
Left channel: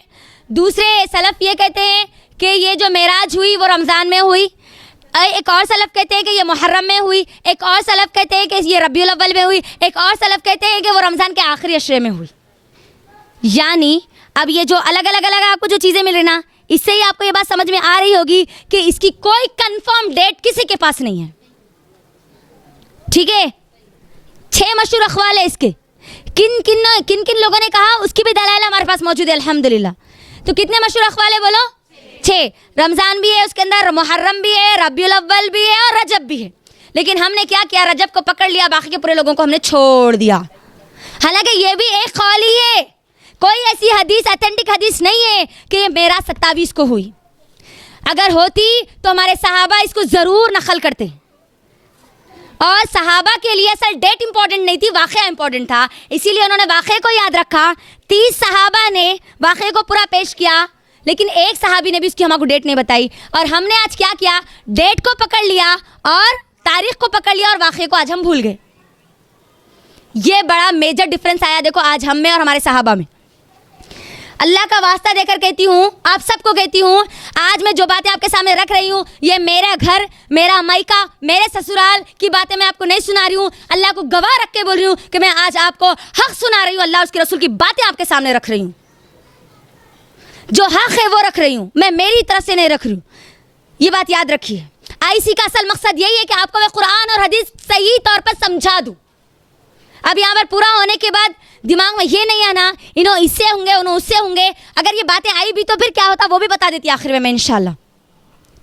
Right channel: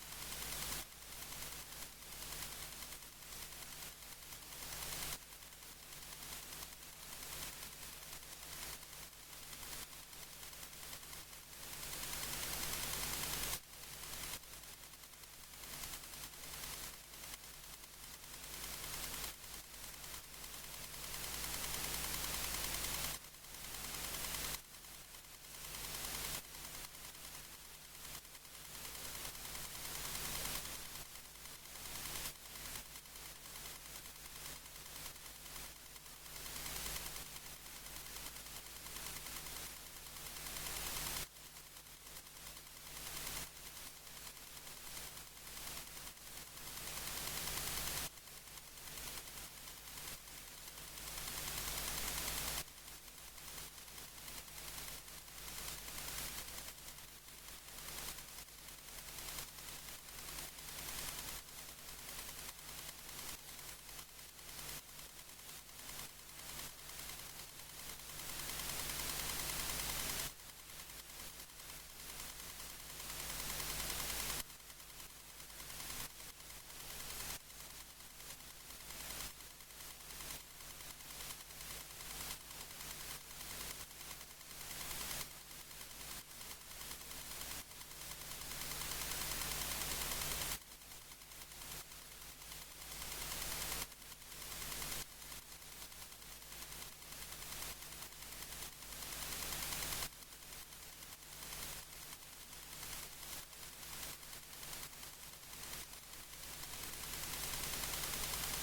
دوسرے سلف یہ کہتے ہیں کہ یہ جو معراج ہوئی وہ رمضان میں ہوئی. ایک اور سلف کہتے ہیں کہ یہ محرم میں ہوئی. ایک اور سلف کہتے ہیں کہ یہ ربیع الاول میں ہوئی. ایک اور سلف کہتے ہیں کہ وہ رمضان کے آخری عشرے میں ہوئی. یعنی اب یہ جو الگ الگ آپ کو جو چیزیں مل رہی نا، اس سے ہی آپ کو یہ بات سمجھ میں آ رہی ہوگی کہ اس کی کوئی کنفرم ڈیٹ کسی کے پاس نہیں ہے. ٹھیک ہے، 6 مشہور اقوال ہے اس کے. کن کن لوگوں نے کہا اس کی بھی دلائل ہمارے پاس موجود ہے الحمدللہ. تو کتنے مشہور اقوال ہے بولو؟ 6. رمضان بھی ہے اس کے اندر، محرم بھی ہے، ربیع الاول بھی ہے، اور رجب بھی ہے. لیکن ہم نے کیا کیا، رجب کو پکڑ لیا، باقی کے پورے لوگوں کو ہم نے چھوڑ دیا. حالانکہ یہ بھی ایک قول ہی ہے، کوئی ایسی حدیث اتھینٹک حدیث نہیں ہے کہ یہ میراث 27 کو ہوئی. اگر ہوتی تو ہمارے صحابہ اس کو ضرور نقل کرتے. اور صحابہ کے لیے اصل ڈیٹ امپورٹنٹ نہیں تھی، واقعہ امپورٹنٹ تھا، اسی لیے انہوں نے واقعے کو یاد رکھا. 30 صحابہ نے واقعے کو پورا پیش کیا، لیکن ایک صحابی نے بھی اس کی ہمارے کو ڈیٹ نہیں بتائی. اور ہم نے آج کیا کیا، ڈیٹ کو پکڑ لیا اور تاریخ کو پکڑ لیا، اور واقعے کو آج ہم بھول گئے. یہ بڑا میجر ڈفرنس آیا دیکھو آج ہم میں اور ہمارے صحابہ میں. اللہ کا واسطہ دے کر کہتی ہوں، آپ سب کو کہتی ہوں، آج میں جو باتیں آپ کے سامنے رکھ رہی ہوں، یہ میرا گھر، میرا مائکہ، میرے سسرال کی باتیں میں آپ کو نہیں سنا رہی ہوں. اللہ کو گواہ رکھ کے بول رہی ہوں کہ میں آج آپ کو حق سنا رہی ہوں. اللہ اس کے رسول کی باتیں آپ کے سامنے رکھ رہی ہوں. جو حق ہے وہ رکھ رہی ہوں، میں میری طرف سے نہیں رکھ رہی ہوں. یہ بات یاد رکھیے. آئی کا اصل مقصد یہی ہے کہ آپ کو میں قرآن اور حدیث صحیح طور پر سمجھا دوں. اب یہاں پر پورا ہونے کے بعد دماغ میں یہ نہیں آنا انہوں اس سے ہوں گے انہوں اس سے ہوں گے. اگر یہ باتیں آئی بھی تو پھر کیا ہوتا وہ بھی بتا دیتی آخر میں انشاءاللہ.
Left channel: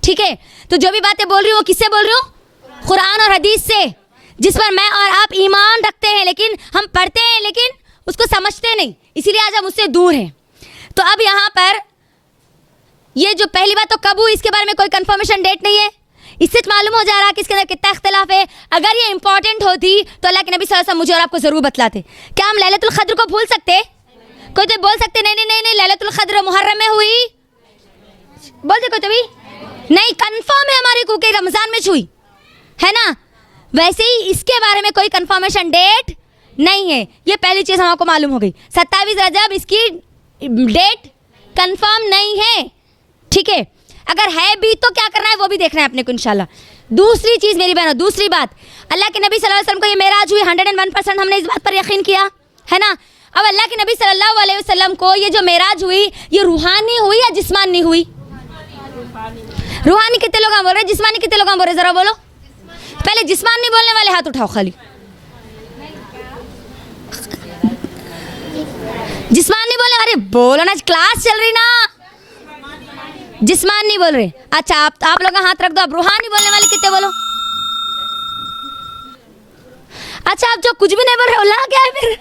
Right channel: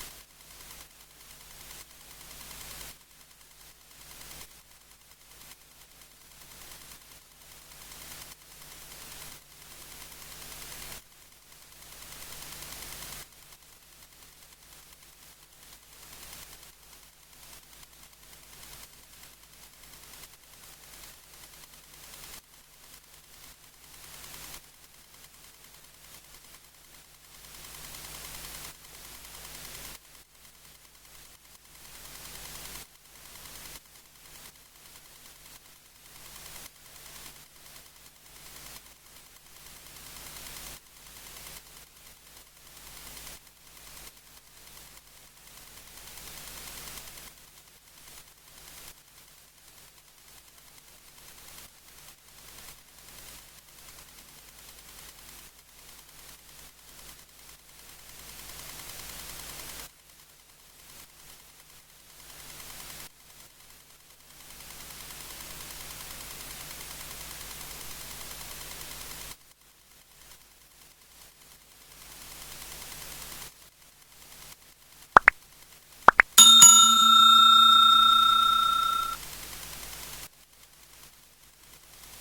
ٹھیک ہے، تو جو بھی باتیں بول رہی ہوں کس سے بول رہی ہوں؟ قرآن اور حدیث سے، جس پر میں اور آپ ایمان رکھتے ہیں، لیکن ہم پڑھتے ہیں لیکن اس کو سمجھتے نہیں، اسی لیے آج ہم اس سے دور ہیں. تو اب یہاں پر یہ جو پہلی بات تو کب ہوئی اس کے بارے میں کوئی کنفرمیشن ڈیٹ نہیں ہے. اس سے معلوم ہو جا رہا کہ اس کے اندر کتنا اختلاف ہے. اگر یہ امپورٹنٹ ہوتی تو اللہ کے نبی صلی اللہ علیہ وسلم مجھے اور آپ کو ضرور بتلاتے. کیا ہم لیلۃ القدر کو بھول سکتے؟ کوئی تو بول سکتے نہیں لیلۃ القدر محرم میں ہوئی، بول دے کوئی تو بھی نہیں. کنفرم ہے ہمارے کو کہ رمضان میں ہوئی ہے نا. ویسے ہی اس کے بارے میں کوئی کنفرمیشن ڈیٹ نہیں ہے. یہ پہلی چیز ہم کو معلوم ہو گئی. 27 رجب اس کی ڈیٹ کنفرم نہیں ہے. ٹھیک ہے، اگر ہے بھی تو کیا کرنا ہے وہ بھی دیکھنا ہے اپنے کو انشاءاللہ. دوسری چیز میری بہنوں، دوسری بات، اللہ کے نبی صلی اللہ علیہ وسلم کو یہ معراج ہوئی 101% ہم نے اس بات پر یقین کیا ہے نا. اب اللہ کے نبی صلی اللہ علیہ وسلم کو یہ جو معراج ہوئی یہ روحانی ہوئی یا جسمانی ہوئی؟ روحانی کتنے لوگ بول رہے ہیں؟ جسمانی کتنے لوگ بول رہے ہیں؟ ذرا بولو. پہلے جسمانی بولنے والے ہاتھ اٹھاؤ خالی. جسمانی بولنے والے بولو نا، کلاس چل رہی نا. جسمان نہیں بول رہے. اچھا آپ لوگ ہاتھ رکھ دو. اب روحانی بولنے والے کتنے بولو. اچھا آپ جو کچھ بھی نہیں بول رہے اللہ کیا ہے پھر؟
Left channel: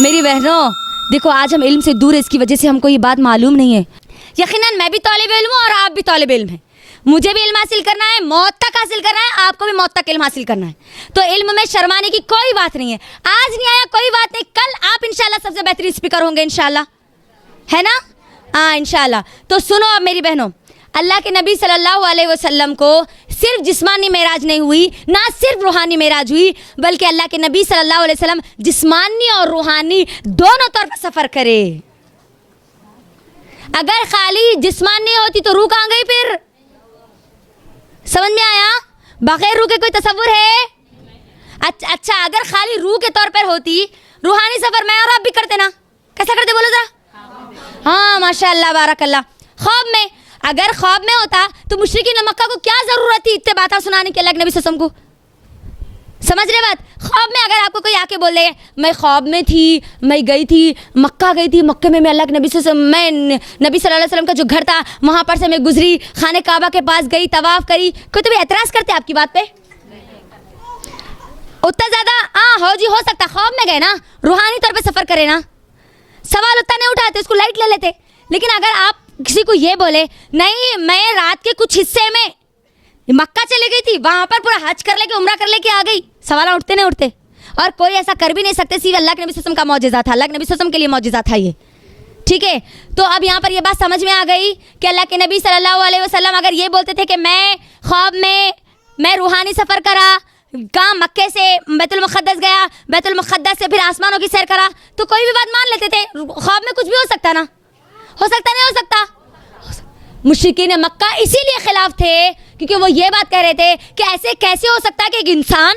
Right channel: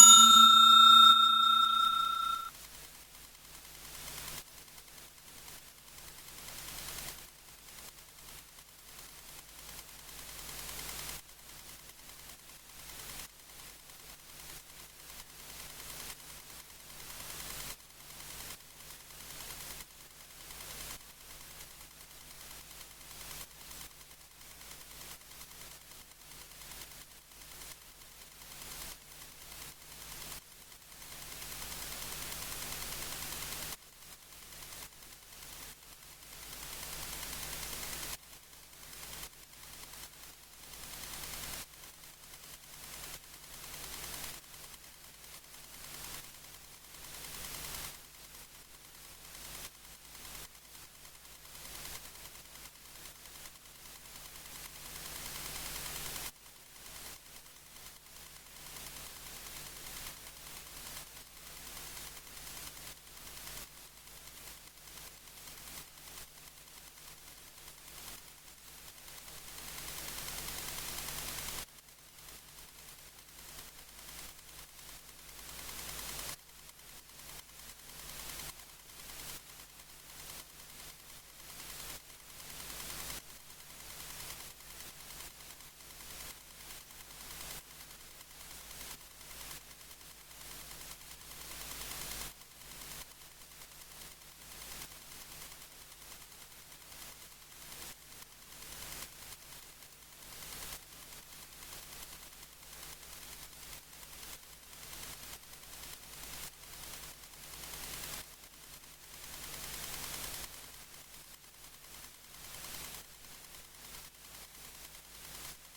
میری بہنوں دیکھو آج ہم علم سے دور ہے، اس کی وجہ سے ہم کو یہ بات معلوم نہیں ہے. یقیناً میں بھی طالب علم ہوں اور آپ بھی طالب علم ہیں. مجھے بھی علم حاصل کرنا ہے، موت تک حاصل کرنا ہے، آپ کو بھی موت تک علم حاصل کرنا ہے. تو علم میں شرمانے کی کوئی بات نہیں ہے. آج نہیں آیا کوئی بات نہیں، کل آپ انشاءاللہ سب سے بہترین اسپیکر ہوں گے انشاءاللہ، ہے نا؟ ہاں انشاءاللہ. تو سنو اب میری بہنوں، اللہ کے نبی صلی اللہ علیہ وسلم کو صرف جسمانی معراج نہیں ہوئی، نہ صرف روحانی معراج ہوئی، بلکہ اللہ کے نبی صلی اللہ علیہ وسلم جسمانی اور روحانی دونوں طور پر سفر کرے. اگر خالی جسمانی ہوتی تو روح کہاں گئی پھر؟ سمجھ میں آیا؟ بغیر روح کے کوئی تصور ہے؟ اچھا اگر خالی روح کے طور پر ہوتی، روحانی سفر میں اور آپ بھی کرتے نا. کیسا کرتے بولو ذرا؟ ہاں ماشاءاللہ بارک اللہ. خواب میں، اگر خواب میں ہوتا تو مشرکین مکہ کو کیا ضرورت تھی اتنے باتیں سنانے کی اللہ کے نبی صلی اللہ علیہ وسلم کو؟ سمجھ رہے بات؟ خواب میں اگر آپ کو کوئی آ کے بول دے میں خواب میں تھی، میں گئی تھی مکہ، گئی تھی مکہ میں اللہ کے نبی صلی اللہ علیہ وسلم، میں نبی صلی اللہ علیہ وسلم کا جو گھر تھا وہاں پر سے میں گزری، خانہ کعبہ کے پاس گئی، طواف کری، کوئی تو بھی اعتراض کرتے آپ کی بات پہ؟ اتنا زیادہ ہو جی ہو سکتا خواب میں گئے نا، روحانی طور پہ سفر کرے نا، سوال اتنا نہیں اٹھاتے، اس کو لائٹ لے لیتے. لیکن اگر آپ کسی کو یہ بولے نہیں میں رات کے کچھ حصے میں مکہ چلے گئی تھی، وہاں پر پورا حج کر لے کے عمرہ کر لے کے آ گئی، سوال اٹھتے نہیں اٹھتے. اور کوئی ایسا کر بھی نہیں سکتے، صرف اللہ کے نبی صلی اللہ علیہ وسلم کا معجزہ تھا، اللہ کے نبی صلی اللہ علیہ وسلم کے لیے معجزہ تھا یہ. ٹھیک ہے، تو اب یہاں پر یہ بات سمجھ میں آ گئی کہ اللہ کے نبی صلی اللہ علیہ وسلم اگر یہ بولتے تھے کہ خواب میں روحانی سفر کرا، کہاں مکے سے بیت المقدس گیا، بیت المقدس سے پھر آسمانوں کی سیر کرا، تو کوئی بھی بات مان لیتے تھے. خواب میں کچھ بھی ہو سکتا نا، ہو سکتا نہیں ہو سکتا. مشرکین مکہ اسی لیے خلاف تھے کیونکہ وہ یہ بات کہہ رہے تھے کہ ایسے کیسے ہو سکتا ہے کہ ایک انسان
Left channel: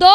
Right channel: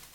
2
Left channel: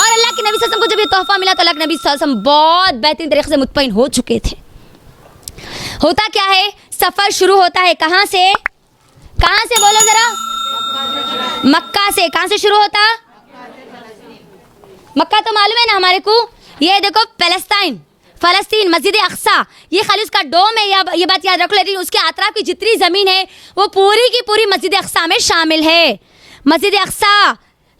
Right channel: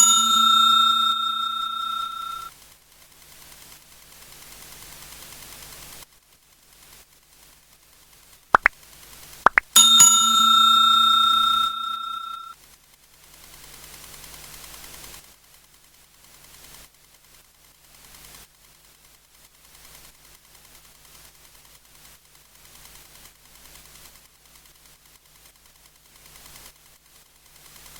اور اللہ کے نبی صلی اللہ علیہ وسلم کو جب یہ تحفہ ملا تو اللہ کے نبی صلی اللہ علیہ وسلم بہت بہترین طریقے سے مطمئن ہو چکے تھے. ہوتا کیا ہے, سفر شروع ہوتا ہے کہاں سے بولو ذرا, مکہ سے. کہاں سے شروع ہوتا؟ مکہ تو معلوم ہے نا ہمارے کو, یہ دیکھو فلسطین, مسجد اقصیٰ, یہ خالی اس کا ڈوم ہے, یہ بات یاد رکھو, لیکن اس کے اطراف کی جتنی زمین ہے وہ پوری کی پوری مسجد اقصیٰ میں شامل ہے. مسجد اقصیٰ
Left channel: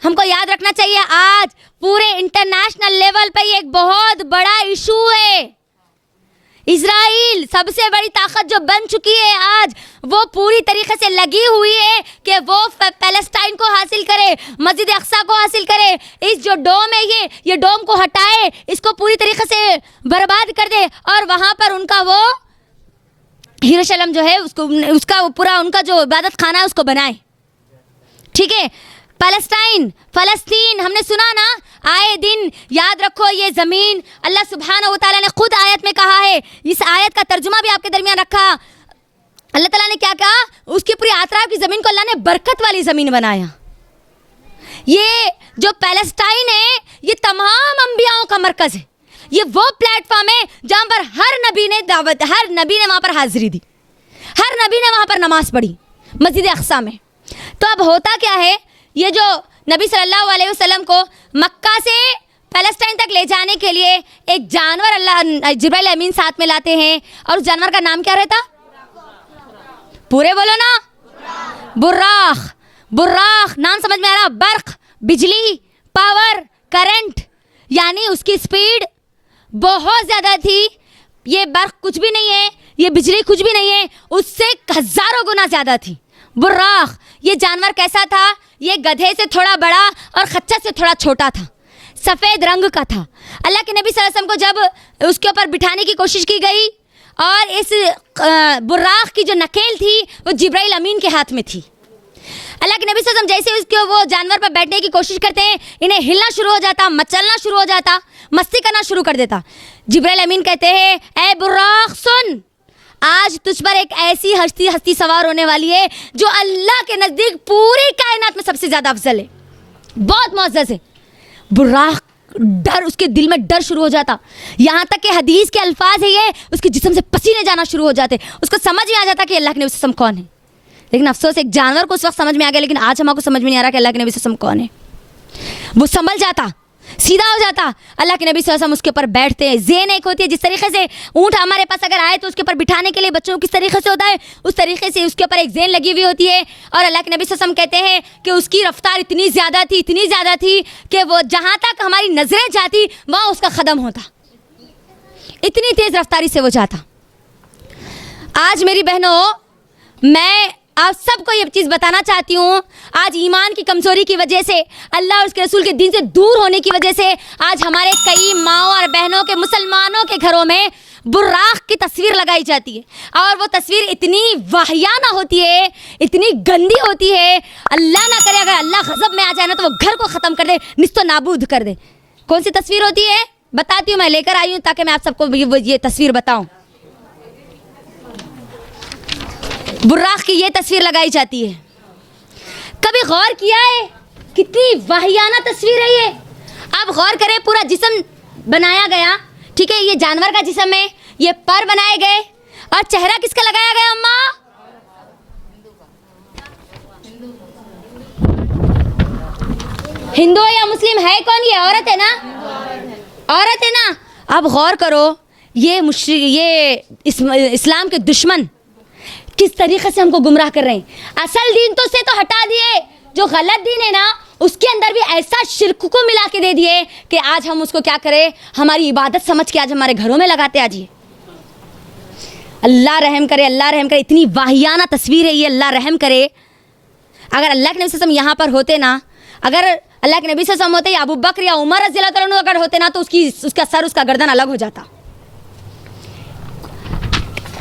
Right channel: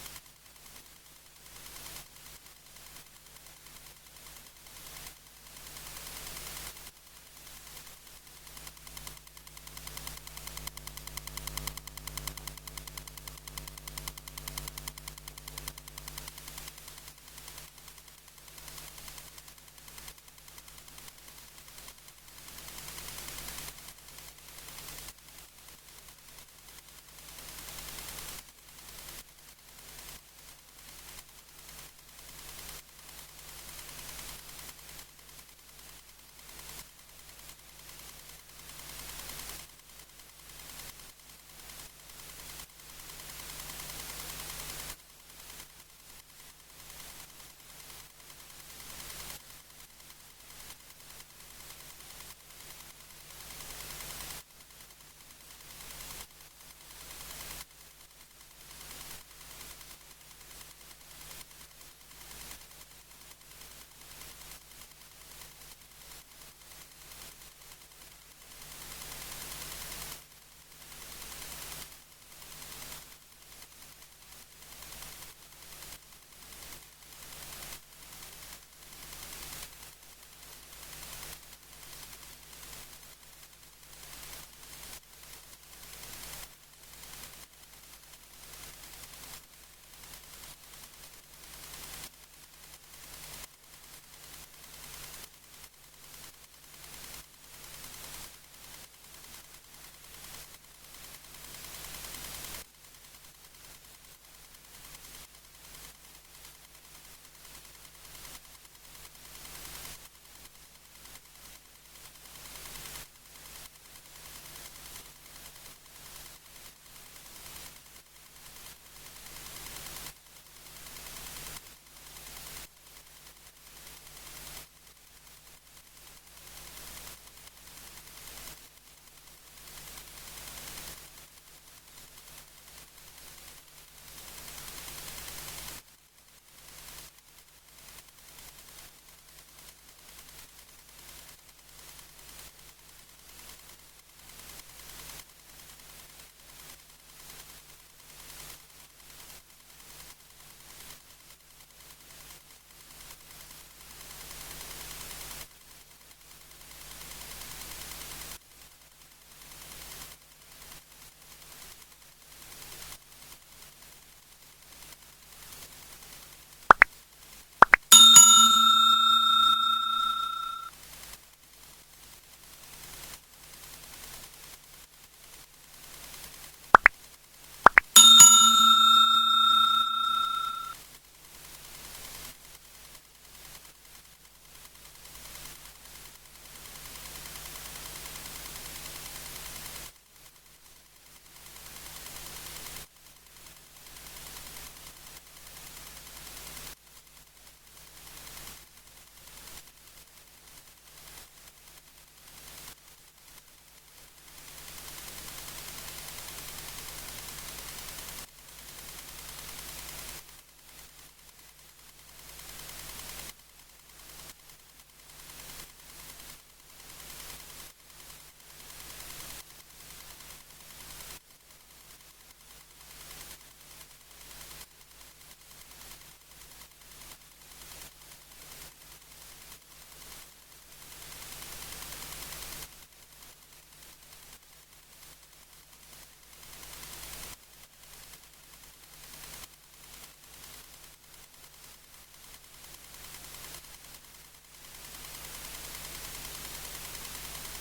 ہم کو یاد رکھنا چاہیے, آج پورے انٹرنیشنل لیول پہ یہ ایک بہت بڑا ایشو ہے. اسرائیل سب سے بڑی طاقت جو بن چکی ہے آج, وہ پوری طریقے سے لگی ہوئی ہے کہ وہ پیلسٹائن کو حاصل کرے, مسجد اقصیٰ کو حاصل کرے. اس جو ڈوم ہے یہ ڈوم کو ہٹائے, اس کو پوری طریقے سے برباد کر دے, اور وہاں پر ان کا وہ یروشلم جو ہے اس کا پورا ان کا جو عبادت خانہ ہے اس کو بنائے. ٹھیک ہے, فلسطین ہم نے سنا نا, آئے دن یاد رکھو یہ زمین اللہ سبحانہ و تعالیٰ نے خود آیت میں کہا ہے. اس آیت کا ترجمہ بھی آپ کے درمیان رکھا. اللہ تعالیٰ نے کیا کہا, اس کی پوری اطراف کی زمین کو اللہ نے برکت والی زمین بنایا. یہ جو پیلسٹائن ہے یہ تمام انبیاؤں کا مرکز ہے. یہ وہ پلیٹ فارم ہے جہاں پر ہر نبی نے وہاں پر حاضری دی, ہر نبی نے وہاں پر نماز پڑھی مسجد اقصیٰ میں. تو اب ہوتا کیا ہے, یہ جو نبی صلی اللہ علیہ وسلم کو مکہ سے پیلسٹائن تک لے جانے کے لیے ایک جانور اللہ جبرائیل امین ساتھ میں لاتے ہیں, اور اس جانور کا نام کیا رہتا؟ پورے بولو نا, براق. نام سمجھ میں آ رہا؟ برق, بجلی, پاور, کرنٹ, یعنی اس کی سپیڈ بہت زیادہ تھی. یہ برق کچھ بھی نہیں ہے, یہ بجلی کچھ بھی نہیں ہے, اس سے ہزاروں گنا زیادہ تھی. براق یہ جانور کیسا تھا؟ یہ گدھے سے تھوڑا بڑا اور خچر سے تھوڑا چھوٹا تھا, سفید رنگ کا تھا. اللہ کے نبی صلی اللہ علیہ وسلم کو جب اس کے اوپر بٹھانے کی کوشش کی گئی, اور اس براق کی جو نکیل تھی وہ جبرائیل امین کے ہاتھ میں تھی. اللہ کے نبی صلی اللہ علیہ وسلم جیسے اس کے وہ جانور پر بیٹھنے کی کوشش کرتے ہیں, انہیں ہلنا شروع ہو جاتا, مچلنا شروع ہو جاتا, مستی کرنا شروع کر دیتا. جبرائیل امین کہتے ہیں, اے براق سن, آج تجھ پر ایک ایسی ہستی سوار ہونے والی ہے جو اللہ کے نزدیک پوری کائنات میں سب سے زیادہ افضل ہے, بہت معزز ہے. براق ڈر, اس کے دل میں ڈر شروع ہو جاتا, یہاں تک کہ حدیث کے الفاظ ہے یہ, اس کے جسم سے پسینے جانا شروع ہو جاتے. اس کو سمجھ میں آ جاتا کہ اللہ کے نبی صلی اللہ علیہ وسلم کون ہے. لیکن افسوس ایک جانور کو اس وقت سمجھ میں آ گیا, لیکن آج ہم کو سمجھ میں نہیں آ رہا کہ اللہ کے نبی صلی اللہ علیہ وسلم کون ہے. وہ سنبھل جاتا, سیدھا ہو جاتا. اللہ کے نبی صلی اللہ علیہ وسلم اس کے اوپر بیٹھتے ہیں. ذہن ایک ہوتی ہے, جس طریقے سے اونٹ ہمارے پاس اگر آئے تو اس کے اوپر بٹھانے کے لیے بچوں کو کس طریقے سے ہوتا ہے, اس طریقے سے اس کے اوپر ایک ذہن لگی ہوئی ہوتی ہے. اور اللہ کے نبی صلی اللہ علیہ وسلم کہتے ہیں کہ اس کی رفتار اتنی زیادہ تھی کہ وہ جہاں تک ہماری نظریں جاتی وہاں اس کا قدم ہوتا, اتنی تیز رفتاری سے وہ جاتا. آج میری بہنوں, میں آپ سب کو یہ چیز بتانا چاہتی ہوں, آج ایمان کی کمزوری کی وجہ سے, اللہ اور اس کے رسول کے دین سے دور ہونے کی وجہ سے, آج ہمارے کئی ماؤں اور بہنوں کے, مسلمانوں کے گھروں میں براق کی تصویر لگائی جاتی ہے, اور وہ تصویر اتنی واہیانہ ہوتی ہے, اتنی گندی ہوتی ہے, اللہ نہ کرے اگر اللہ غضب میں آ جائے نا تو وہ گھر کو ختم کر دے, نست و نابود کر دے. کون سی تصویر ہوتی ہے بتاتی ہوں, میں لے کر آئی ہوں تاکہ میں آپ سب کو یہ تصویر بتاؤں. براق کی یہ تصویر لگائی جاتی ہے. کبھی غور کیا ہے کتنی واہیانہ تصویر ہے یہ؟ آپ غور کریں, پورا جسم بنایا گیا, ٹھیک ہے, یہ جانور کا جسم ہے, یہ پر بنائے گئے, اور چہرہ کس کا لگایا گیا اماں؟ ہندو یا مسلم ہے کون؟ یہ عورت ہے نا, عورت ہے نا. اب غور کرو, یہ اسلام کے دشمن کس طریقے سے ہم کو گمراہ کر رہے ہیں. اصل دین تو سے تو ہٹا دیے, جو غلط دین ہے نا اس کے اندر بھی ایسا شرک کو ملا کے دے دیے کہ آج ہم اس کو کیا کریں, ہماری عبادت سمجھ کے آج ہمارے گھروں میں لگاتے. آج یہ اللہ رحم کرے, اللہ رحم کرے, اتنی واہیانہ تصویر ہے یہ, اللہ رحم کرے. اگر اللہ کے نبی صلی اللہ علیہ وسلم یہاں پر ہوتے نا, اگر اللہ کے نبی صلی اللہ علیہ وسلم ہوتے یا ابو بکر یا عمر رضی اللہ تعالیٰ عنہ اگر ہوتے نا, تو اس کا سر, اس کا گردن الگ ہو جاتا.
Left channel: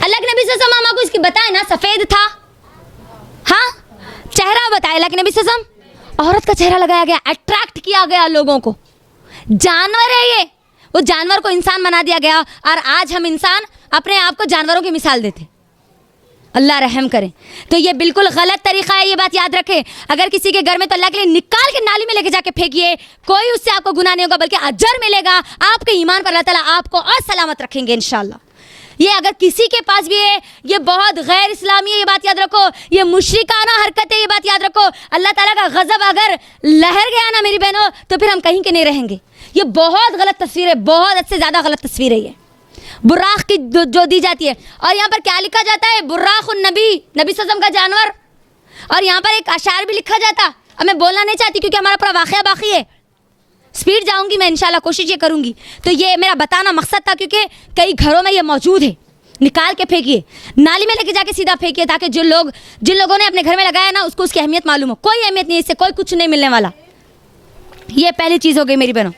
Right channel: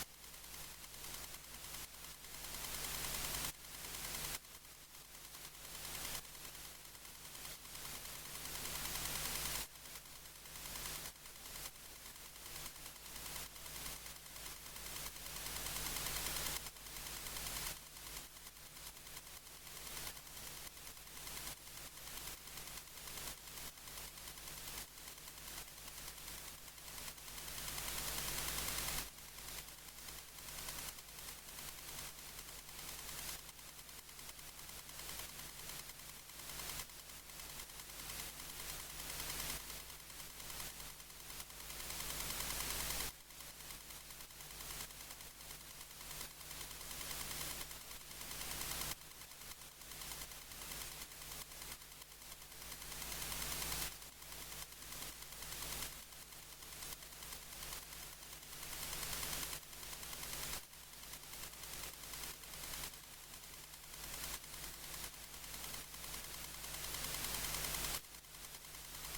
اللہ کے نبی صلی اللہ علیہ وسلم کو اس کی بتائے نا سفید تھا, ہاں چہرہ بتایا اللہ کے نبی صلی اللہ علیہ وسلم, عورت کا چہرہ لگایا گیا, اٹریکٹ کیا گیا لوگوں کو. جانور ہے یہ, وہ جانور کو انسان بنا دیا گیا, اور آج ہم انسان اپنے آپ کو جانوروں کی مثال دیتے. اللہ رحم کرے. تو یہ بالکل غلط طریقہ ہے, یہ بات یاد رکھیں. اگر کسی کے گھر میں تو اللہ کے لیے نکال کے نالی میں لے کے جا کے پھینکیے, کوئی اس سے آپ کو گناہ نہیں ہوگا بلکہ اجر ملے گا. آپ کے ایمان پر اللہ تعالیٰ آپ کو اور سلامت رکھیں گے انشاءاللہ. یہ اگر کسی کے پاس بھی ہے یہ بہت غیر اسلامی ہے, یہ بات یاد رکھو, یہ مشرکانہ حرکت ہے, یہ بات یاد رکھو. اللہ تعالیٰ کا غضب اگر لہر گیا نا میری بہنوں تو پھر ہم کہیں کے نہیں رہیں گے. یہ بہت غلط تصویر ہے, بہت حد سے زیادہ غلط تصویر ہے یہ براق کی جو دی جاتی ہے. اور یہاں پر کیا لکھا جاتا ہے؟ براق النبی, نبی صلی اللہ علیہ وسلم کا جانور. اور یہاں پر ایک اشعار بھی لکھا جاتا. اب میں بولنا نہیں چاہتی کیونکہ ہمارا پورا واقعہ باقی ہے, سپیڈ جاؤں گی میں انشاءاللہ, کوشش یہ کروں گی. تو یہ میرا بتانا مقصد تھا کیونکہ کئی گھروں میں یہ موجود ہے. نکال کے پھینکیے, نالی میں لے کے جا کے سیدھا پھینکیے تاکہ جن لوگوں نے اپنے گھر میں لگایا نا اس کو اس کی اہمیت معلوم ہو. کوئی اہمیت نہیں, اس سے کوئی کچھ نہیں ملنے والا. یہ پہلی چیز ہو گئی میری بہنوں.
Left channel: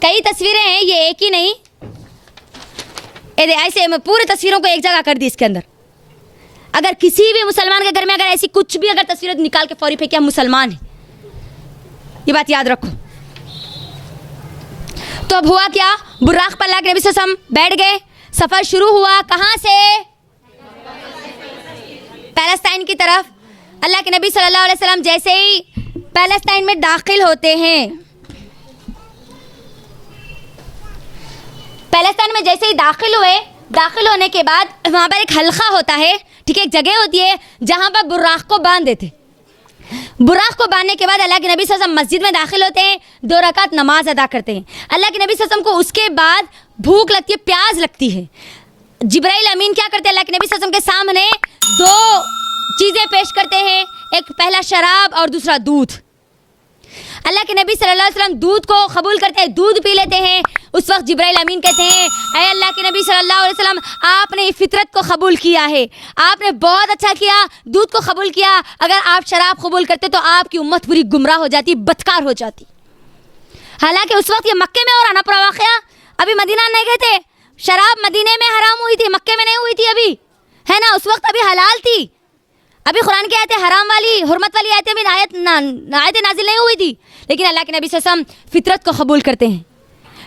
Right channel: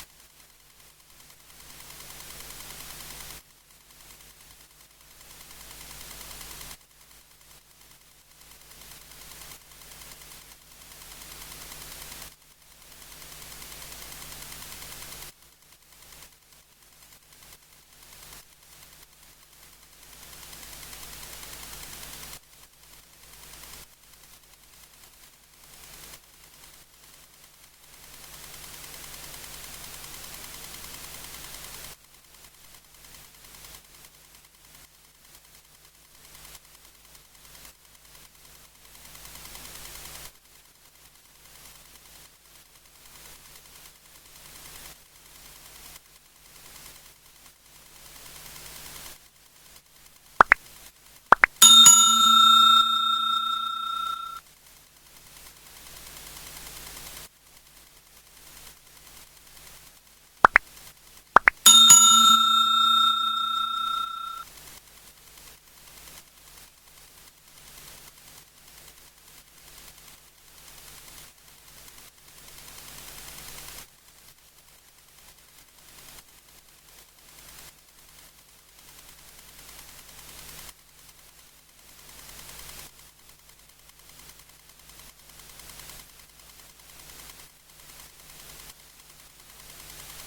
کئی تصویریں ہیں, یہ ایک ہی نہیں, ایسے میں پورے تصویروں کو ایک جگہ کر دی اس کے اندر. اگر کسی بھی مسلمان کے گھر میں اگر ایسی کچھ بھی اگر تصویریں نکال کے فوری پھینکے, ہم مسلمان ہیں, یہ بات یاد رکھو. تو اب ہوا کیا؟ براق پر اللہ کے نبی صلی اللہ علیہ وسلم بیٹھ گئے. سفر شروع ہوا کہاں سے؟ پیلسٹائن کی طرف. اللہ کے نبی صلی اللہ علیہ وسلم جیسے ہی پیلسٹائن میں داخل ہوتے ہیں, پیلسٹائن میں جیسے ہی داخل ہوئے, داخل ہونے کے بعد وہاں پر ایک حلقہ ہوتا ہے, ٹھیک ہے, ایک جگہ ہوتی ہے جہاں پر براق کو باندھ دیتے. براق کو باندھنے کے بعد اللہ کے نبی صلی اللہ علیہ وسلم مسجد میں داخل ہوتے ہیں, 2 رکعت نماز ادا کرتے ہیں. اللہ کے نبی صلی اللہ علیہ وسلم کو اس کے بعد بھوک لگتی ہے, پیاس لگتی ہے. جبرائیل امین کیا کرتے ہیں؟ اللہ کے نبی صلی اللہ علیہ وسلم کے سامنے 2 چیزیں پیش کرتے ہیں, ایک پہلا شراب اور دوسرا دودھ. اللہ کے نبی صلی اللہ علیہ وسلم دودھ کو قبول کرتے ہیں, دودھ پی لیتے ہیں. اس وقت جبرائیل امین کہتے ہیں اے اللہ کے نبی صلی اللہ علیہ وسلم, آپ نے فطرت کو قبول کیا ہے, آپ نے بہت اچھا کیا, دودھ کو قبول کیا. اگر آپ شراب قبول کرتے تو آپ کی امت پوری گمراہ ہو جاتی, بدکار ہو جاتی. حالانکہ اس وقت یہ مکے میں ہو رہا نا پورا واقعہ, ابھی مدینہ نہیں گئے تھے. شراب مدینے میں حرام ہوئی تھی, مکے میں نہیں ہوئی تھی ابھی, ہے نا, اس وقت ابھی حلال تھی. ابھی قرآن کی آیتیں حرام والی, حرمت والی آیتیں بھی آیتیں نازل نہیں ہوئی تھی. لیکن اللہ کے نبی صلی اللہ علیہ وسلم فطرت کو قبول کرتے ہیں.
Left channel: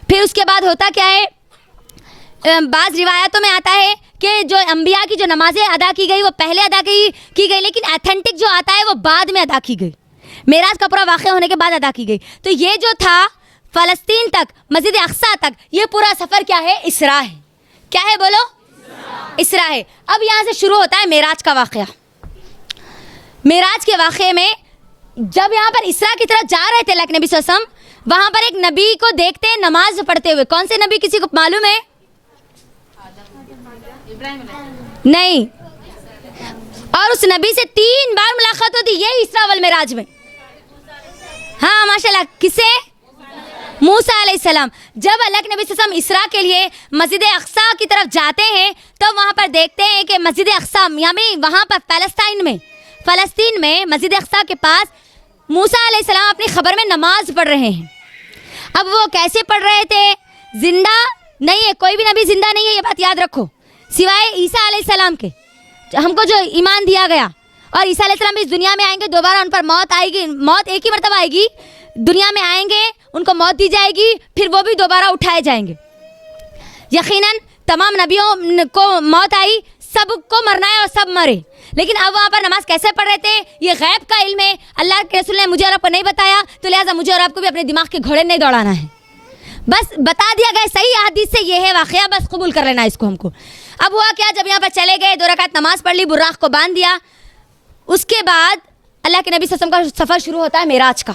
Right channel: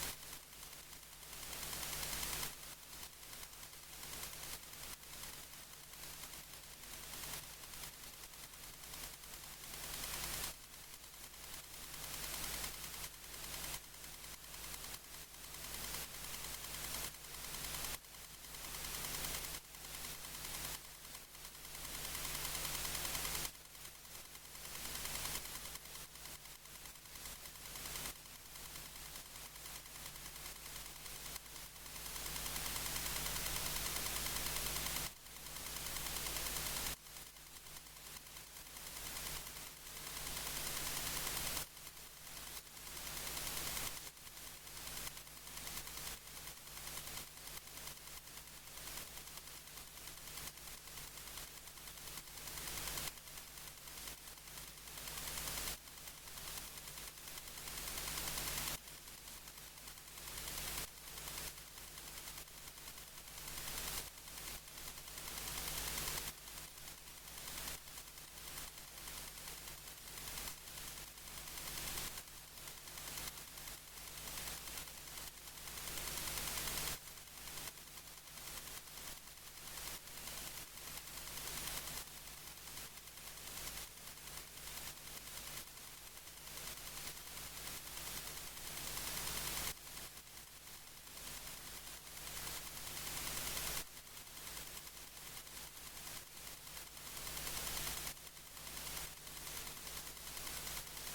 پھر اس کے بعد ہوتا کیا ہے؟ بعض روایتوں میں آتا ہے کہ جو انبیاء کی جو نمازیں ادا کی گئی وہ پہلے ادا کی گئی, لیکن ایتھنٹک جو آتا ہے وہ بعد میں ادا کی گئی, معراج کا پورا واقعہ ہونے کے بعد ادا کی گئی. تو یہ جو تھا فلسطین تک, مسجد اقصیٰ تک, یہ پورا سفر کیا ہے؟ اسراء ہے. کیا ہے بولو؟ اسراء ہے. اب یہاں سے شروع ہوتا ہے معراج کا واقعہ. معراج کے واقعے میں جب یہاں پر اسراء کی طرف جا رہے تھے اللہ کے نبی صلی اللہ علیہ وسلم, وہاں پر ایک نبی کو دیکھتے ہیں نماز پڑھتے ہوئے. کون سے نبی, کسی کو معلوم ہے؟ نہیں. اور اس نبی سے 3 بار ملاقات ہوتی, یہ اسراء والمعراج میں. ہاں ماشاءاللہ, کس سے؟ موسیٰ علیہ السلام. جب اللہ کے نبی صلی اللہ علیہ وسلم اسراء کے لیے مسجد اقصیٰ کی طرف جاتے ہیں تو وہاں پر دیکھتے ہیں کہ مسجد اقصیٰ یعنی وہاں پر فلسطین میں مسجد اقصیٰ کے پاس موسیٰ علیہ السلام اپنی خبر میں نماز پڑھ رہے ہیں. اب وہ کیسے پڑھ رہے تھے؟ زندہ نہیں ہے, کوئی بھی نبی زندہ نہیں ہے, یہ بات یاد رکھو, سوائے عیسیٰ علیہ السلام کے, ہم کو جو ایمان دیا گیا. اور عیسیٰ علیہ السلام اس دنیا میں آئیں گے, دوبارہ ان پر موت آئے گی, موت ایک ہی مرتبہ آئے گی, دنیا میں آئیں گے, ان کو موت دی جائے گی, پھر وہ بھی دوبارہ اٹھائے جائیں گے. یقیناً تمام نبیوں کو موت آئی, سب کو مرنا ہے اور سب مرے. لیکن اب وہاں پر نماز کیسے پڑھ رہے تھے یہ غیب کا علم ہے, اللہ کے رسول نے مجھے اور آپ کو نہیں بتایا, تو لہٰذا مجھے اور آپ کو بھی اپنے دماغ کے گھوڑے نہیں دوڑانا ہے. بس بتا دیا گیا صحیح حدیث سے یہ ہے واقعہ, بس قبول کر لینا اس کو ہم کو. اب ہوا کیا, جب یہاں پر چلے گئے, 2 رکعت نماز پڑھ لی, براق کو باندھ دیا. اس کے بعد اللہ کے نبی صلی اللہ علیہ وسلم کا سفر شروع ہوتا ہے معراج کا.